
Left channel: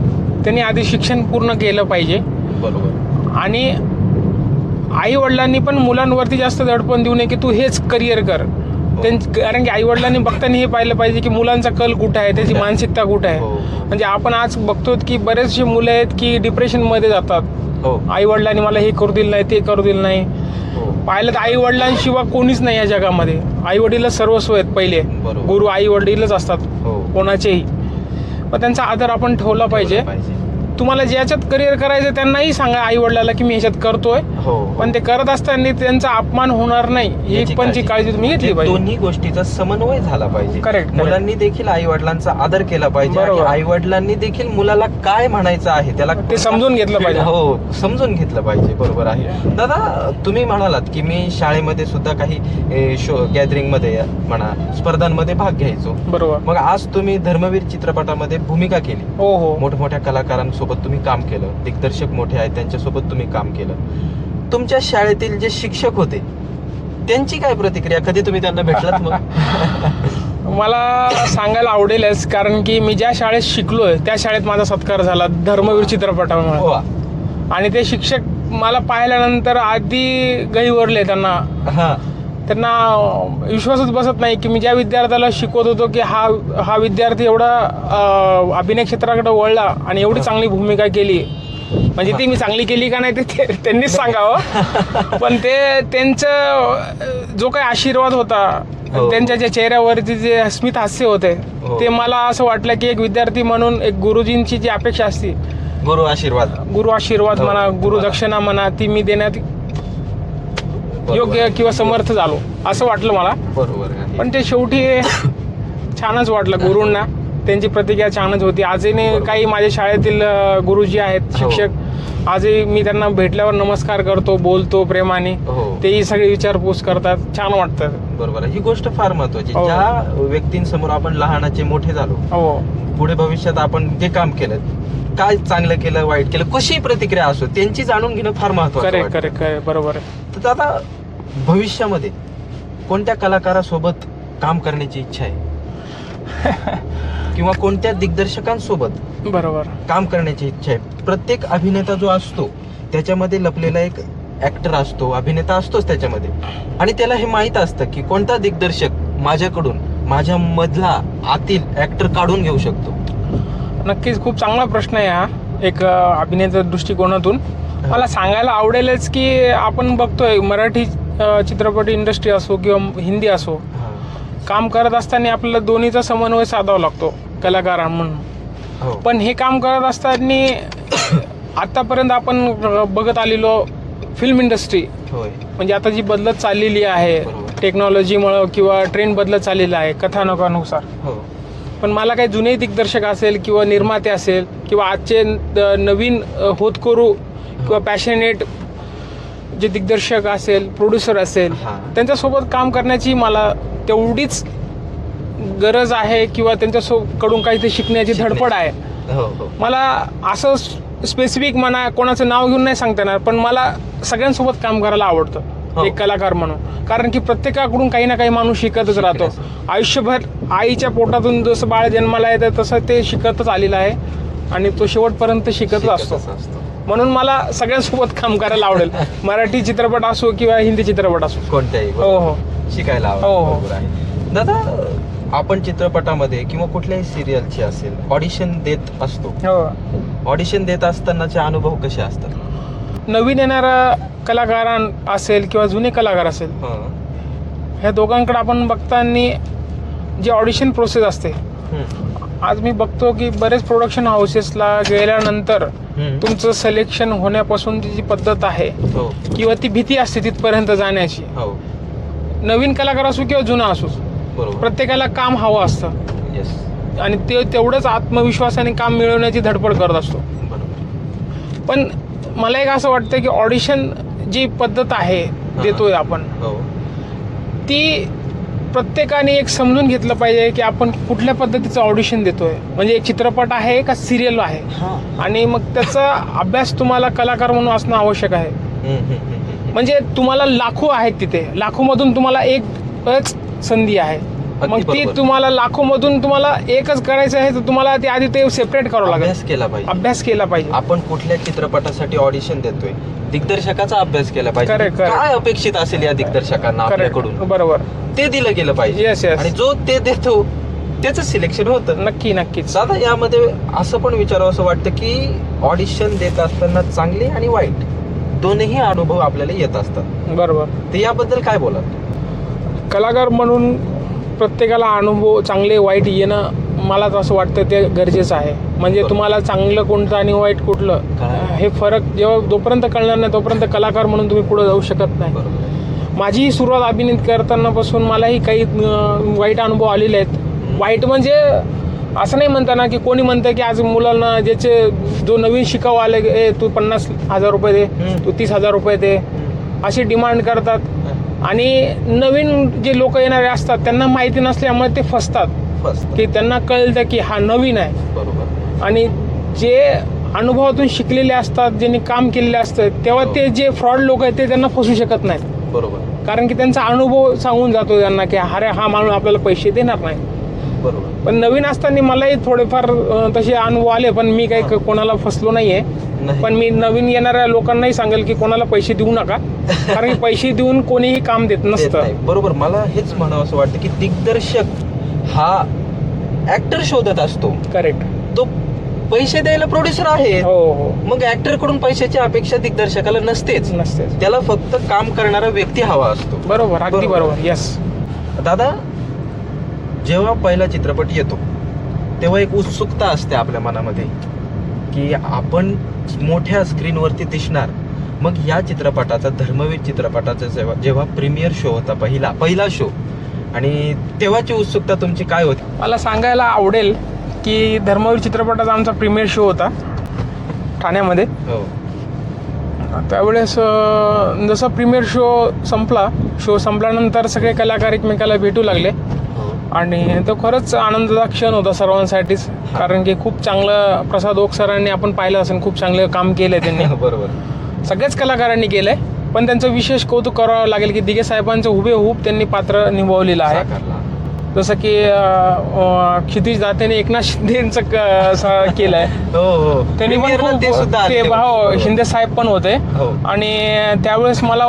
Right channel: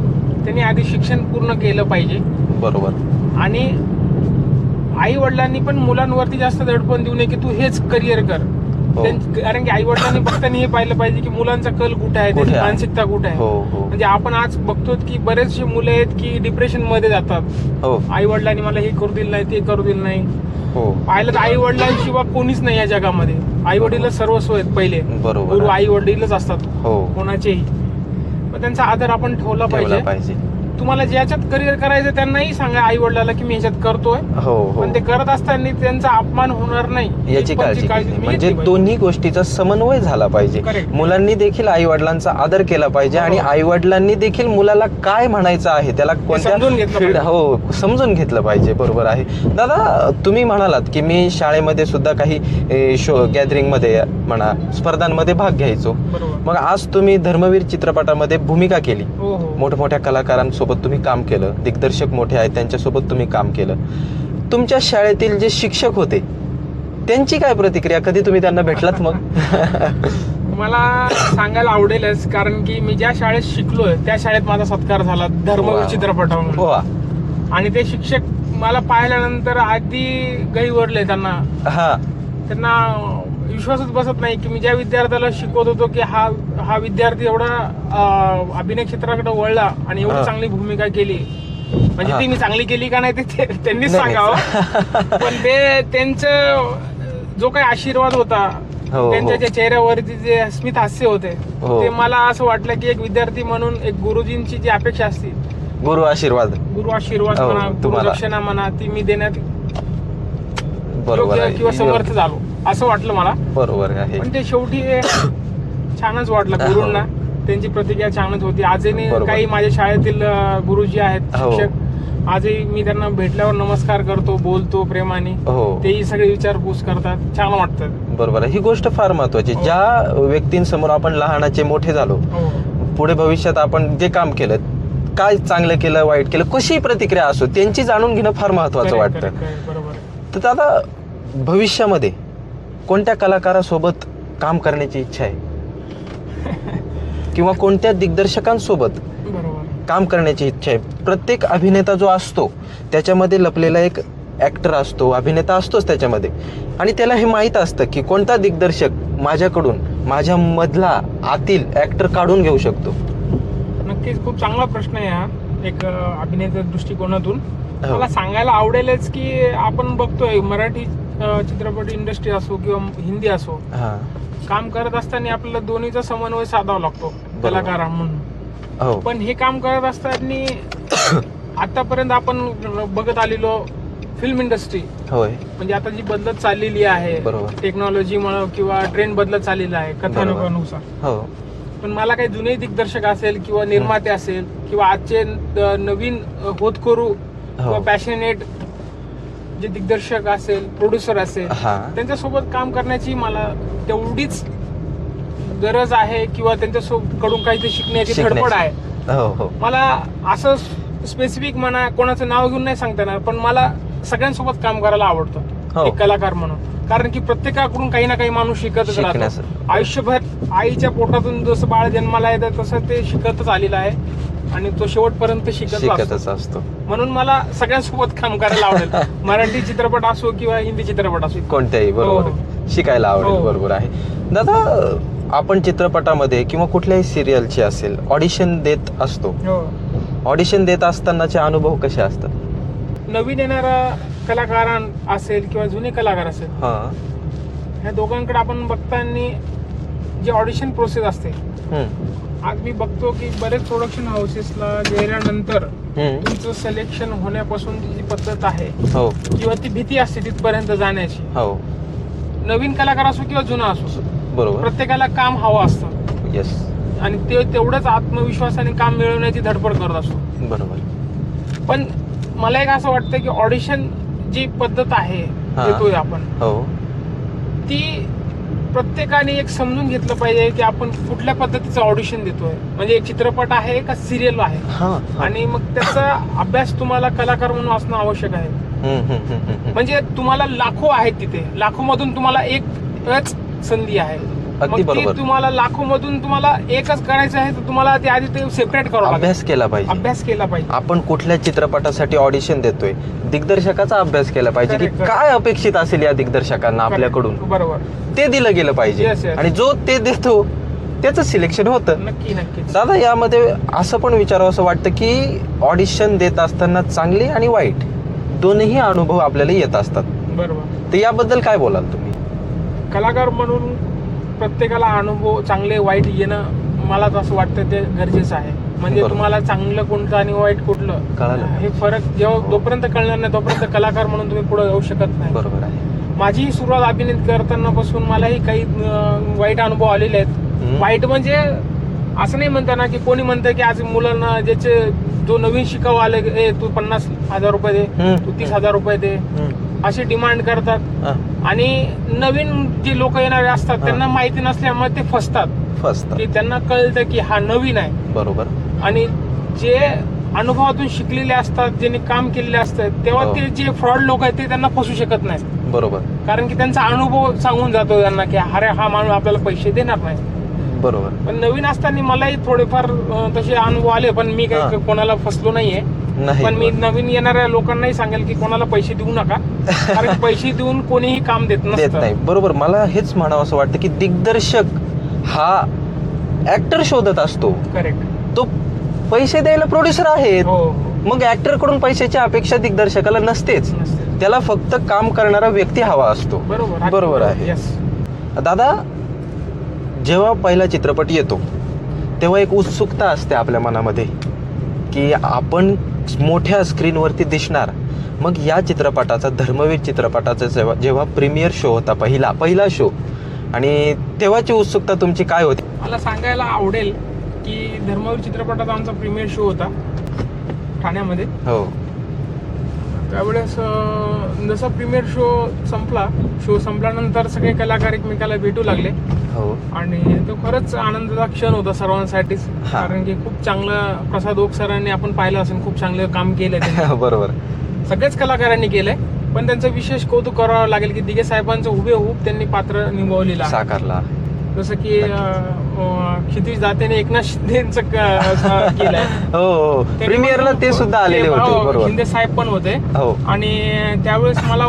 त्यांनी आधी शिक्षण पूर्ण केलं पाहिजे. बरोबर. आणि आई वडिलांनी पण मुलांवरती जास्त दडपण देऊ नये की तू हेच करिअर कर. कारण की आई वडिलांनी बघताना हे पाहिलं पाहिजे की मुलांचा कल कुठे आहे, त्याची मानसिकता कुठे आहे. म्हणजे आपण आज बघतो की बरेचसे मुलं आहेत की डिप्रेशन मध्ये जातात. हो. आई वडिलांनी मला हे करू दिलं नाही, ते करू दिलं नाही. हो. पाहिलं तर आई वडिलांशिवाय कोणीच नाही या जगामध्ये. आई वडीलच सर्वस्व आहेत पहिले. बरोबर. गुरु आई वडीलच असतात हो. कोणाचेही. पण त्यांचा आदर आपण ठेवला पाहिजे. तुम्हाला ज्याच्यात करिअर करायचं त्यांनाही सांगा आई वडिलाला की मी ह्याच्यात करतोय. हो. पण ते करत असताना त्यांचा अपमान होणार नाही याची काळजी तुम्ही घेतली पाहिजे. दोन्ही गोष्टीचा समन्वय झाला पाहिजे. Correct. मुलांनी देखील आई वडिलांचा आदर केला पाहिजे आणि बरोबर. आई वडिलांनी देखील मुलाला काय म्हणायचं आहे त्याला ते समजून घेतलं पाहिजे. हो, समजून घेतलं पाहिजे. बरोबर आहे. दादा, तुम्ही म्हणालात की मी शाळेमध्ये सुद्धा काही शो गॅदरिंग मध्ये म्हणा, स्पर्धांमध्ये भाग घ्यायचो. बरोबर. मग आज तुम्ही धर्मवीर चित्रपटामध्ये भूमिका केली, हो हो. मोठमोठ्या कलाकारांसोबत तुम्ही काम केलं, दिग्दर्शक मोठे आहेत त्यांच्यासोबत तुम्ही काम केलं. तुमच्या शाळेतील जे शिक्षक होते त्यांची काय प्रतिक्रिया, कधी तुम्ही त्यांना भेटलात मग? मला सांगायला आवडेलच, कारण की मी ज्या शाळेत शिकलोय त्या शाळेत माझा सत्कार झाला धर्मवीर चित्रपटामुळे. हो. आणि ते शिक्षक मला पाहिल्यानंतर अगदी गहिवरले. त्यांना विश्वासच बसत नाही की मी ज्या विद्यार्थ्याला शिकवत होतो की हा विद्यार्थी एवढा अभिनय क्षेत्राकडे वळला आणि एवढी चांगली भूमिका केली. म्हणजे ती मी चांगली केली का नाही ते त्यांनीच सांगावं. पण ते त्यांचं जो काही आशीर्वाद होता, त्यांच्या ज्या चेहऱ्यावरती जे स्मित हास्य होते, ते मला असं वाटलं की एक विद्यार्थी म्हणून एक गुरुजींची जी अपेक्षा असते, गुरु आशीर्वाद म्हणा, गुरुदक्षिणा म्हणा, ती मी देण्यात योग्य किंवा समर्थ झालो असं वाटलं मला. बरोबर आहे. पण ते शेवटी छानच वाटलं. गुरूंना त्यांची प्रतिक्रिया छानच होती. आजही काही माझ्या शाळेतील गुरुजी आहेत, शिक्षक, आजही मी त्यांना भेटल्यावर नमस्कार करतो, बोलतो प्रेमाने. तेही सगळे विचारपूस करतात, छान वाटतं. बरोबर, ही गोष्ट फार महत्वाची. ज्या व्यक्तींसमोर आपण लहानाचे मोठे झालो, पुढे भविष्यात आपण जे काम केलं, काय चांगलं केलं, वाईट केलं, कशी प्रतिक्रिया असो, त्यांची जाणून घेणं फार महत्वाचं वाटतं. बरोबर आहे. तर दादा, भविष्यामध्ये कोणत्या कलाकारासोबत काम करण्याची इच्छा आहे किंवा कोणत्या दिग्दर्शकांसोबत बरोबर काम करण्याची इच्छा आहे? प्रत्येक अभिनेता जो असतो त्याच्यामध्ये लपलेला एक ऍक्टर असतो, अभिनेता असतोच त्याच्यामध्ये, आणि त्याला हे माहित असतं की कोणता दिग्दर्शक माझ्याकडून माझ्या मधला आतील ऍक्टर काढून घेऊ शकतो. नक्कीच खूप चांगला प्रश्न आहे हा, एक अभिनेता दृष्टिकोनातून. मला सांगायला आवडेलच की आपण बघतोय मराठी चित्रपट इंडस्ट्री असो किंवा हिंदी असो, काम करत असताना आपल्याला दोन्हीचा समन्वय साधावा लागतो कलाकार म्हणून. पण हे काम करत असताना आतापर्यंत आपण बघत आलेलो फिल्म इंडस्ट्री, म्हणजे आता जी बदलत चाललेली आहे टेक्नॉलॉजीमुळे किंवा ट्रेंड बदलत चाललेला आहे कथानकानुसार. पण मला काही जुने दिग्दर्शक असेल किंवा निर्माते असेल किंवा आजचे नवीन होतकरू किंवा पॅशनेट जे दिग्दर्शक असेल, प्रोड्युसर असेल, त्यांच्यासोबत काम करण्याची मला तेवढीच गरज आहे किंवा त्यांच्याकडून काहीतरी शिकण्याची धडपड आहे. मला असं स्पेसिफिक म्हणा, कोणाचं नाव घेऊन नाही सांगता येणार, पण मला सगळ्यांसोबत काम करायला आवडतं एक कलाकार म्हणून. कारण की प्रत्येकाकडून काही ना काही माणूस शिकतच राहतो आयुष्यभर. आईच्या पोटातून जसं बाळ जन्माला येतं तसं ते शिकतच आलेलं आहे आणि तो शेवटपर्यंत शिकतच असतो. म्हणून मला सगळ्यांसोबत काम करायला आवडेल, मराठी चित्रपट असो किंवा हिंदी चित्रपट असो, कोणत्याही शिकायला आवडेल. बरोबर आहे दादा. आपण चित्रपटामध्ये किंवा कुठल्याही सिरियलची असेल ऑडिशन देत असतो. ऑडिशन देत असतानाचे अनुभव कसे असतात? नवीन येणारा कलाकार असेल किंवा जुने कलाकार असेल, ह्या दोघांकडे आपण बघताना जी ऑडिशन प्रोसेस असते, आज मी बघतो की बरेच प्रोडक्शन हाऊसेसला गेल्यानंतर तुमचं सिलेक्शन होण्यापासून जी पद्धत आहे किंवा ती भीती असते तिथपर्यंत जाण्याची, नवीन कलाकार असो किंवा जुना असो, प्रत्येकाला काम हवं असतं आणि ते तेवढंच आत्मविश्वासाने काम मिळवण्याची धडपड करत असतो. पण मला एक असं वाटतं की ऑडिशन जी पद्धत आहे देतोय आपण, ती प्रत्येकाने एक समजून घेतलं पाहिजे की आपण कुठल्या पद्धतीचं ऑडिशन देतोय. म्हणजे चित्रपट आहे का सिरियल आहे, आणि मग त्याचा अभ्यास तुम्हाला कलाकार म्हणून असणं आवश्यक आहे. म्हणजे तुम्हाला लाखो आहेत तिथे, लाखोमधून तुम्हाला एकच संधी आहे. मग ती तुम्हाला लाखोमधून तुम्हाला एकच करायचं आहे, तर तुम्हाला ते आधी ते सेपरेट करावं लागेल, अभ्यास केला पाहिजे. आपण कुठल्या चित्रपटासाठी ऑडिशन देतोय, दिग्दर्शकाचा अभ्यास केला पाहिजे, काय अपेक्षित असेल या दिग्दर्शकांना आपल्याकडून, बरोबर, ते दिलं गेलं पाहिजे. आणि जो ते देतो त्याचं सिलेक्शन होतं. नक्कीच दादा, यामध्ये असं पण विचारावं असं वाटतं की ऑडिशन देत असताना चांगली आणि वाईट दोन्ही अनुभव आपल्याला येत असतात. बरोबर. तर याबद्दल काय बोलाल तुम्ही? कलाकार म्हणून प्रत्येकाला अनुभव चांगले वाईट येणं, मला असं वाटतं ते गरजेचं आहे. म्हणजे तुम्हाला चांगलं कोणतं आणि वाईट कुठलं हे फरक जेव्हा जोपर्यंत कळणार नाही तोपर्यंत कलाकार म्हणून तुम्ही पुढे जाऊ शकत नाही. माझी सुरुवात अभिनय करताना पासून मलाही काही वाईट अनुभव आलेले आहेत. वाईट म्हणजे असं नाही म्हणता ना की कोणी म्हणतं की आज मुलांना ज्याचे जो नवीन शिकावं आले, तू 50,000 रुपये दे, तू 30,000 रुपये दे, असे डिमांड करतात. आणि नवीन जे लोक येणारे असतात त्यांना माहिती नसल्यामुळे ते फसतात की त्यांना कळतं की हा नवीन आहे. बरोबर. आणि जे अनुभवातून शिकलेले असतात, ज्यांनी काम केलेले असतं, तेव्हा ते जे फ्रॉड लोक आहेत ते त्यांना फसू शकत नाहीत. बरोबर कारण की त्यांचा अनुभव सांगून जातो त्यांना की अरे हा माणूस आपल्याला पैसे देणार नाही. बरोबर. पण नवीन असताना मलाही थोडेफार तसे अनुभव आले, पण मी काही कोणाला फसलो नाहीये. नाही. पण मी नवीन येणाऱ्या लोकांनाही सांगेल की कोणाला पैसे देऊ नका, कारण की पैसे देऊन कोणीही काम देत देत नसतं. नाही. बरोबर. मला हेच म्हणावं असं वाटतं की दिग्दर्शक हा ऍक्टर शोधत असतो. करेक्ट. तो पैसे द्यायला प्रोड्युसर आहे. हो हो. मग ऍक्टर कडून पैशाची अपेक्षा दिग्दर्शकाला नसतेच. नसते. त्याला फक्त काम करणारा व्यक्ती हवा असतो. बरोबर. अगदी बरोबर बरोबर. आहे. येस. दादा, जेव्हा पहिला चित्रपट येतो तेव्हा एक उत्सुकता असते आपल्या मनामध्ये की आपण मोठ्या स्क्रीनवरती दिसणार. मग या चित्रपटाचा, धर्मवीर चित्रपटाचा जेव्हा प्रीमियर शो होता, पहिला शो, आणि तेव्हाची उत्सुकता तुमची काय होती? मला सांगायला आवडेल की धर्मवीर चित्रपटाचा आमचा प्रीमियर शो होता ठाण्यामध्ये. हो. त्यावेळेस जसं प्रीमियर शो संपल्यानंतर सगळे कलाकार एकमेकाला भेटू लागले हो. आणि तो खरंच आनंदाचा क्षण होता सर्वांसाठीच. कारण की खूप चांगलं प्रसाद ओक सरांनी आपण पाहिलं असेल, खूप चांगलं काम केलंय त्यांनी. बरोबर. सगळ्याच सगळ्याच कलाकारांनी केलंय, पण त्यांचं विशेष कौतुक करावं लागेल की दिघे साहेबांचं हुबेहूब त्यांनी पात्र निभावलेलं आहे. साकारला. जसं की क्षितिज दातेने एकनाथ शिंदेचं केलंय. हो हो. त्यांनी प्रीमियरला मग ते सुद्धा आलेले होते. हो, बरोबर. शिंदे साहेब पण होते. हो. आणि त्यावेळेस मला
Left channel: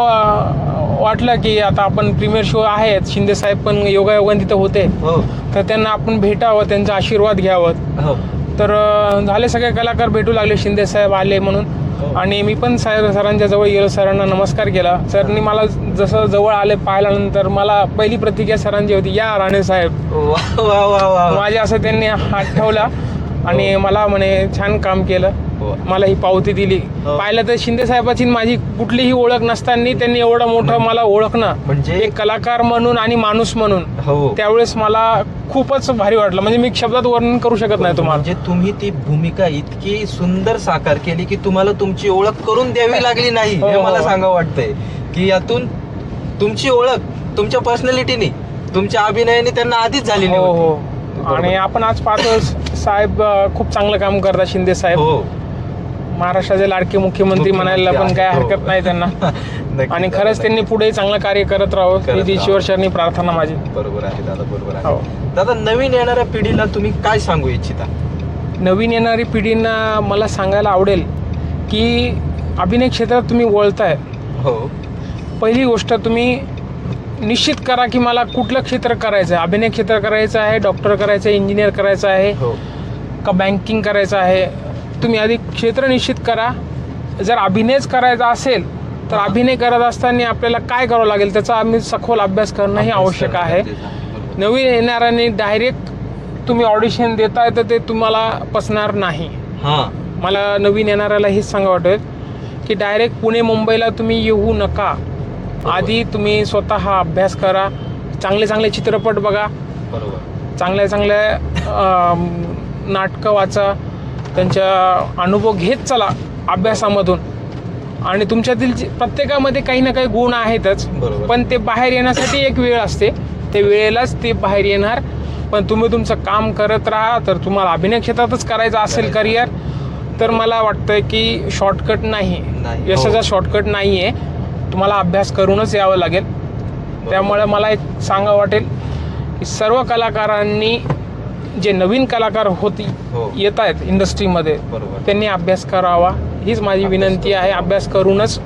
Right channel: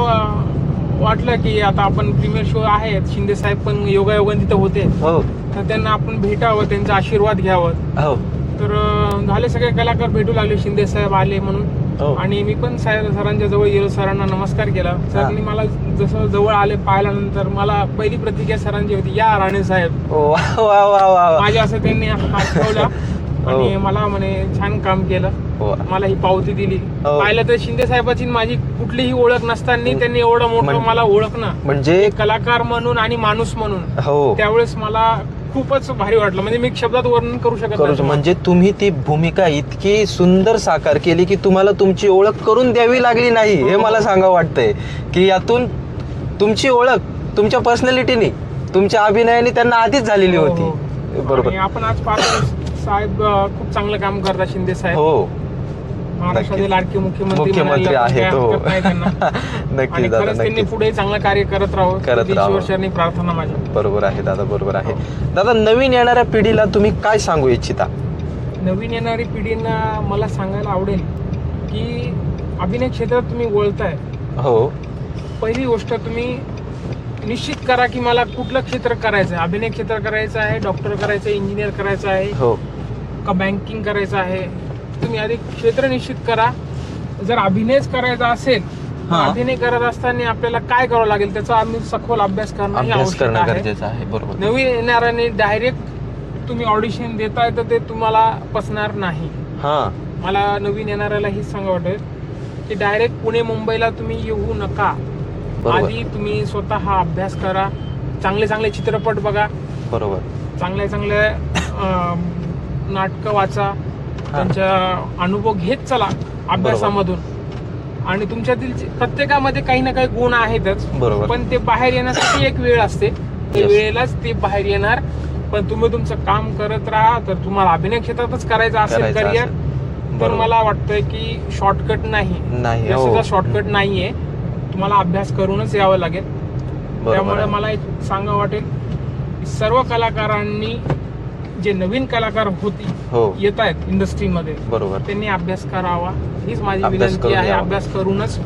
वाटलं की आता आपण प्रीमियर शो आहेत, शिंदे साहेब पण योगायोगाने तिथे होते, हो. तर त्यांना आपण भेटावं, त्यांचा आशीर्वाद घ्यावं. हो. तर झाले, सगळे कलाकार भेटू लागले, शिंदे साहेब आले म्हणून. हो. आणि मी पण सरांच्या जवळ गेलो, सरांना नमस्कार केला. सरांनी मला जसं जवळ आले पाहिल्यानंतर मला पहिली प्रतिक्रिया सरांची होती, या राणे साहेब. वा वा वा वा. माझे असं त्यांनी हात ठेवला आणि मला म्हणे छान काम केलं. हो. मला ही पावती दिली. हो. पाहिलं तर शिंदे साहेबाची माझी कुठलीही ओळख नसताना त्यांनी एवढं मोठं मला ओळखणं, म्हणजे एक कलाकार म्हणून आणि माणूस म्हणून, हो. त्यावेळेस मला खूपच भारी वाटलं. म्हणजे मी शब्दात वर्णन करू शकत नाही तुम्हाला. म्हणजे तुम्ही ती भूमिका इतकी सुंदर साकार केली की तुम्हाला तुमची ओळख करून द्यावी लागली नाही. हे हो. मला सांगावं वाटतंय की यातून तुमची ओळख तुमच्या पर्सनॅलिटीने, तुमच्या अभिनयाने त्यांना आधीच झालेली हो, होती. हो. बरोबर. आणि आपण आज पाहतो साहेब खूप चांगलं काम करतात, शिंदे साहेब. हो. महाराष्ट्राचे लाडके मुख्यमंत्री म्हणायला पण आहेत, काय हो. हरकत नाही त्यांना. नक्की आणि दादा, खरंच त्यांनी नक्की. पुढे चांगलं कार्य करत राहावं, करत ही राहावं. ईश्वरचरणी प्रार्थना माझी. बरोबर आहे दादा, बरोबर आहे. हो. दादा, नवीन येणाऱ्या पिढीला तुम्ही काय सांगू इच्छिता? नवीन येणारी पिढींना मला सांगायला आवडेल की अभिनय क्षेत्रात तुम्ही वळताय, हो. पहिली गोष्ट तुम्ही निश्चित करा की मला कुठलं क्षेत्र करायचं आहे. अभिनय क्षेत्र करायचं आहे, डॉक्टर करायचं आहे, इंजिनियर करायचं आहे, हो. का बँकिंग करायचं आहे. तुम्ही आधी क्षेत्र निश्चित करा. जर अभिनयच करायचा असेल तर हा. अभिनय करत असताना आपल्याला काय करावं लागेल त्याचा आम्ही सखोल अभ्यास करणं हे अभ्यास आवश्यक करणं आहे. गरजेचं आहे. बरोबर. नवीन येणाऱ्यांनी डायरेक्ट तुम्ही ऑडिशन देताय तर ते तुम्हाला पसणार नाही. हा. मला नवीन येणाऱ्याला हेच सांगा वाटेल की डायरेक्ट पुणे मुंबईला तुम्ही येऊ नका. बरोबर. आधी तुम्ही स्वतः अभ्यास करा, चांगले चांगले चित्रपट बघा, बरोबर. चांगले चांगले नाटकं वाचा, त्यांचा अनुभव घेत चला अभ्यासामधून. आणि तुमच्यातील प्रत्येकामध्ये काही ना काही गुण आहेतच, बरोबर. पण ते बाहेर येण्यासाठी एक वेळ असते, ते Yes. वेळेलाच ते बाहेर येणार. पण तुम्ही तुमचं काम करत राहा. तर तुम्हाला अभिनय क्षेत्रातच करायचं असेल करायचं करिअर, असेल. तर बरोबर. मला वाटतं की शॉर्टकट नाही, नाही. यशाचा हो. शॉर्टकट नाहीये. तुम्हाला अभ्यास करूनच यावं लागेल. त्यामुळे मला एक सांगा वाटेल की सर्व कलाकारांनी, जे नवीन कलाकार होती हो. येत आहेत इंडस्ट्रीमध्ये, बरोबर. त्यांनी अभ्यास करावा हीच माझी अभ्यास विनंती करून आहे. यावं. अभ्यास करूनच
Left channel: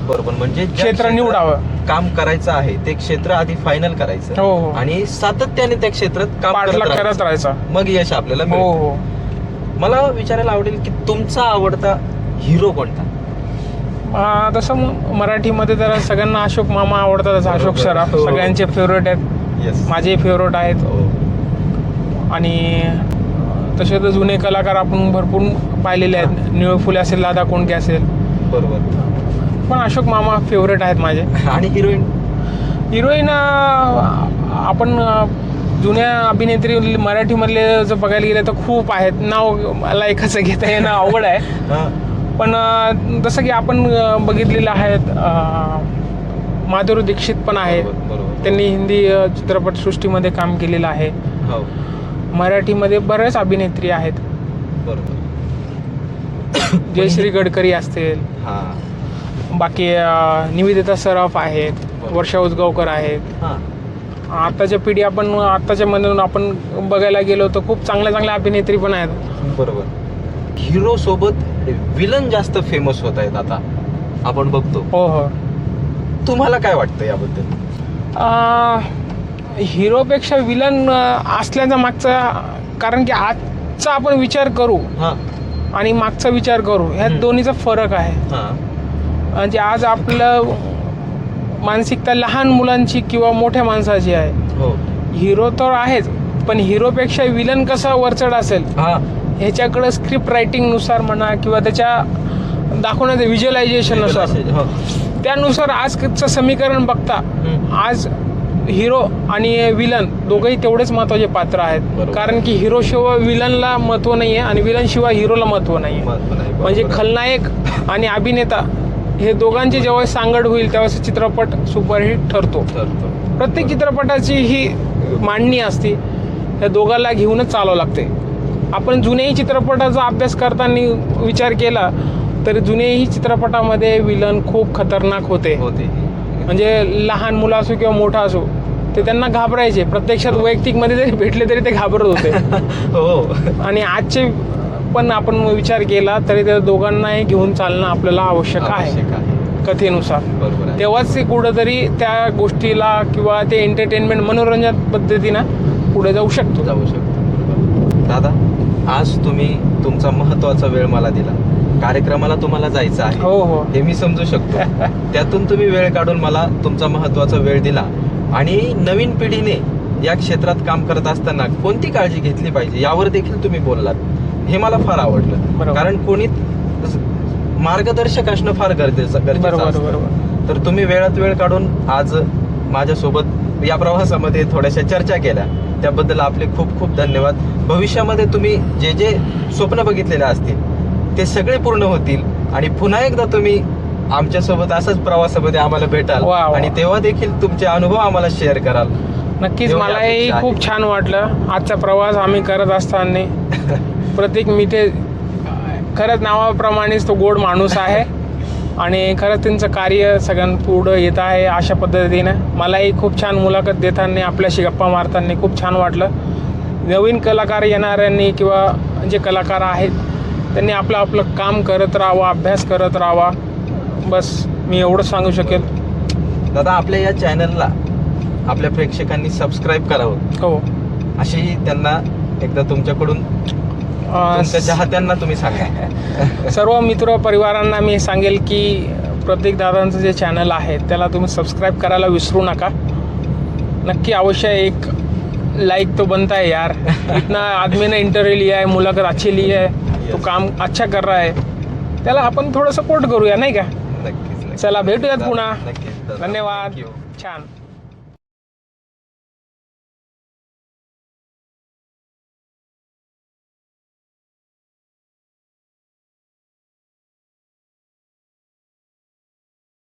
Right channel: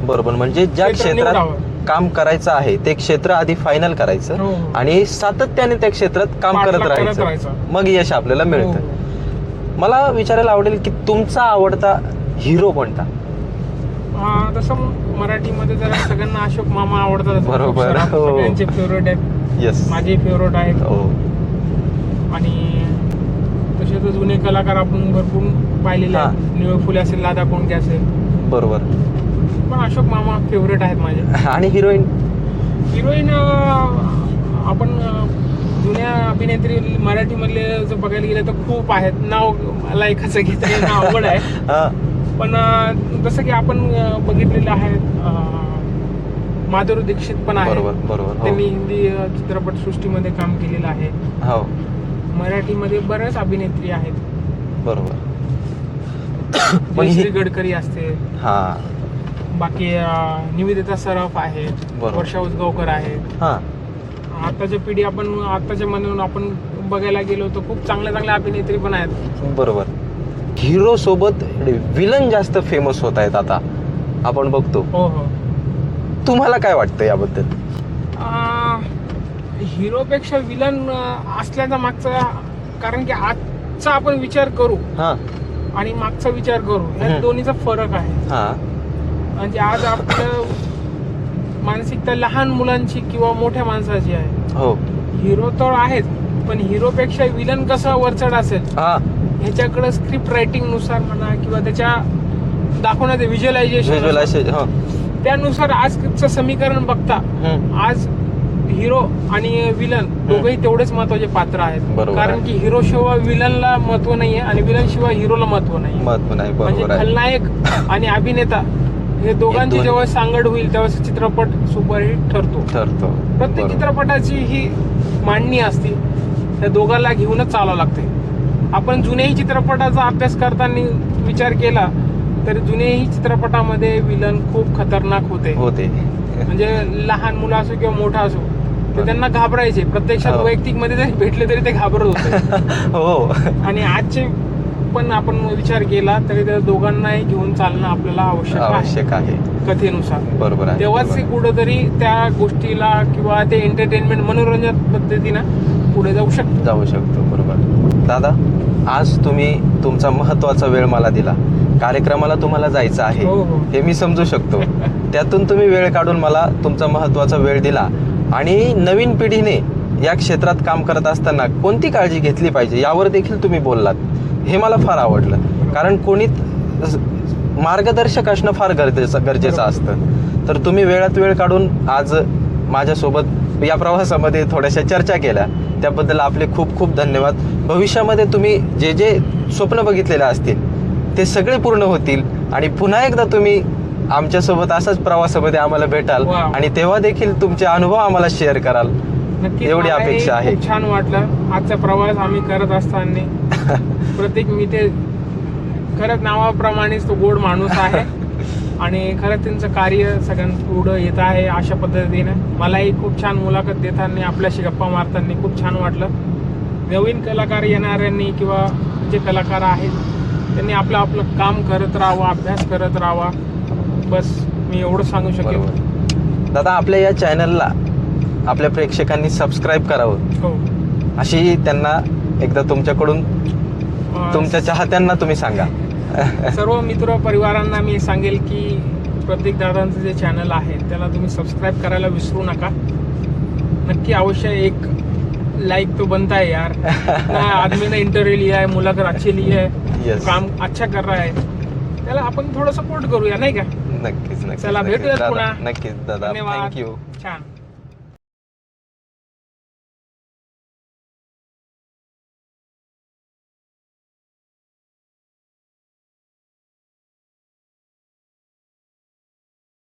बरोबर. म्हणजे ज्या क्षेत्र क्षेत्रात निवडावं. काम करायचं आहे ते क्षेत्र आधी फायनल करायचं, हो. आणि सातत्याने त्या क्षेत्रात काम पाठलाग करत करत राहायचं. राहायचं. मग यश आपल्याला हो मिळतं. हो. मला विचारायला आवडेल की तुमचा आवडता हिरो कोणता? तसं मराठीमध्ये जरा सगळ्यांना अशोक मामा आवडतात, जसं अशोक बरोबर. सराफ हो. सगळ्यांचे फेवरेट आहेत, येस. माझे फेवरेट आहेत. हो. आणि तसे तर जुने कलाकार आपण भरपूर पाहिलेले आहेत, निळ फुले असेल, दादा कोंडके असेल, बरोबर. पण अशोक मामा फेवरेट आहेत माझे. आणि हिरोईन? हिरोईन आपण जुन्या अभिनेत्री मराठीमधले जर बघायला गेलं तर खूप आहेत. नाव मला एकाचं घेता येणं अवघड आहे, हा. पण जसं की आपण बघितलेलं आहेत, माधुरी दीक्षित पण आहेत. बरोबर, बरोबर. हो. त्यांनी हिंदी चित्रपटसृष्टीमध्ये काम केलेलं आहे. हो. मराठीमध्ये बरेच अभिनेत्री आहेत, बरोबर. जयश्री गडकरी असतील, हा. बाकी निवेदिता सराफ आहेत, बरोबर. वर्षा उजगावकर आहेत. हा आताच्या पिढी आताच्या मधून आपण बघायला गेलो तर खूप चांगल्या अभिनेत्री पण आहेत. बरोबर. हिरो सोबत विलन जास्त फेमस होत आहेत आता आपण बघतो. हो. तुम्हाला काय वाटतं याबद्दल? हिरोपेक्षा विलन असल्याचा मागचा, कारण की आजचा आपण विचार करू हा आणि मागचा विचार करू, ह्या दोन्हीचा फरक आहे. हा म्हणजे आज आपलं मानसिकता लहान मुलांची किंवा मोठ्या माणसाची आहे. हो. हिरो तर आहेच, पण हिरोपेक्षा विलन कसा वरचढ असेल हा ह्याच्याकडे स्क्रिप्ट रायटिंग नुसार म्हणा किंवा त्याच्या दाखवण्याचं व्हिज्युअलायझेशन हो. त्यानुसार आजचं समीकरण बघता आज हिरो आणि विलन दोघंही तेवढेच महत्वाचे पात्र आहेत. बरोबर. कारण की हिरो शिवाय विलनला महत्व नाहीये आणि विलन शिवाय हिरोला महत्व नाहीये. महत्व नाही. म्हणजे बरोबर आहे. खलनायक आणि अभिनेता हे दोघांची जेव्हा सांगड होईल तेव्हा चित्रपट सुपरहिट ठरतो. प्रत्येक चित्रपटाची ही मांडणी असते, त्या दोघांना घेऊनच चालावं लागते. आपण जुन्याही चित्रपटाचा अभ्यास करताना विचार केला तर जुन्याही चित्रपटामध्ये विलन खूप खतरनाक होते. म्हणजे लहान मुलं असो किंवा मोठा असो ते त्यांना घाबरायचे. प्रत्यक्षात वैयक्तिक मध्ये जरी भेटले तरी ते घाबरत होते. हो. आणि आजचे पण आपण विचार केला तरी त्या दोघांनाही घेऊन चालणं आपल्याला आवश्यक आहे कथेनुसार. बरोबर आहे. तेव्हाच ते कुठंतरी त्या गोष्टीला किंवा ते एंटरटेनमेंट मनोरंजन पद्धतीनं पुढे जाऊ शकतो. बरोबर. दादा, आज तुम्ही तुमचा महत्वाचा वेळ मला दिला. कार्यक्रमाला तुम्हाला जायचं आहे. हो. हे मी समजू शकतो. त्यातून तुम्ही वेळ काढून मला तुमचा महत्वाचा वेळ दिला. आणि नवीन पिढीने या क्षेत्रात काम करत असताना कोणती काळजी घेतली पाहिजे यावर देखील तुम्ही बोललात. हे मला फार आवडलं. कारण कोणी मार्गदर्शक असणं फार गरजेचं असतं. तर तुम्ही वेळात वेळ काढून आज माझ्यासोबत या प्रवासामध्ये थोड्याशा चर्चा केल्या, त्याबद्दल आपले खूप खूप धन्यवाद. भविष्यामध्ये तुम्ही जे जे स्वप्न बघितलेले असतील ते सगळे पूर्ण होतील आणि पुन्हा एकदा तुम्ही आमच्यासोबत असाच प्रवासामध्ये आम्हाला भेटाल आणि तेव्हा देखील तुमचे अनुभव आम्हाला शेअर कराल. नक्कीच. मलाही खूप छान वाटलं आजचा प्रवास आम्ही करत असताना. प्रत्येक मी ते खरंच नावाप्रमाणेच तो गोड माणूस आहे आणि खरंच त्यांचं कार्य सगळ्यांपुढं येत आहे अशा पद्धतीनं. मलाही खूप छान मुलाखत देताना आपल्याशी गप्पा मारताना खूप छान वाटलं. नवीन कलाकार येणाऱ्यांनी किंवा जे कलाकार आहेत त्यांनी आपलं काम करत राहावं, अभ्यास करत राहावा. बस मी एवढंच सांगू शकेल. दादा, आपल्या या चॅनलला आपल्या प्रेक्षकांनी सबस्क्राईब करावं. हो. अशी त्यांना एकदा तुमच्याकडून तुमच्या चाहत्यांना तुम्ही सांगा. सर्व मित्र परिवारांना मी सांगेल की प्रत्येक दादांचं जे चॅनल आहे त्याला तुम्ही सबस्क्राईब करायला विसरू नका. नक्की अवश्य एक लाइक तो बनता है यार. इतना आदमी ने इंटरव्यू लिया है, मुलाखत अच्छी ली है, तो काम अच्छा कर रहा है, त्याला आपण थोडं सपोर्ट करूया नाही का. नक्कीच. चला भेटूयात पुन्हा. नक्कीच. धन्यवाद. थँक्यू. छान.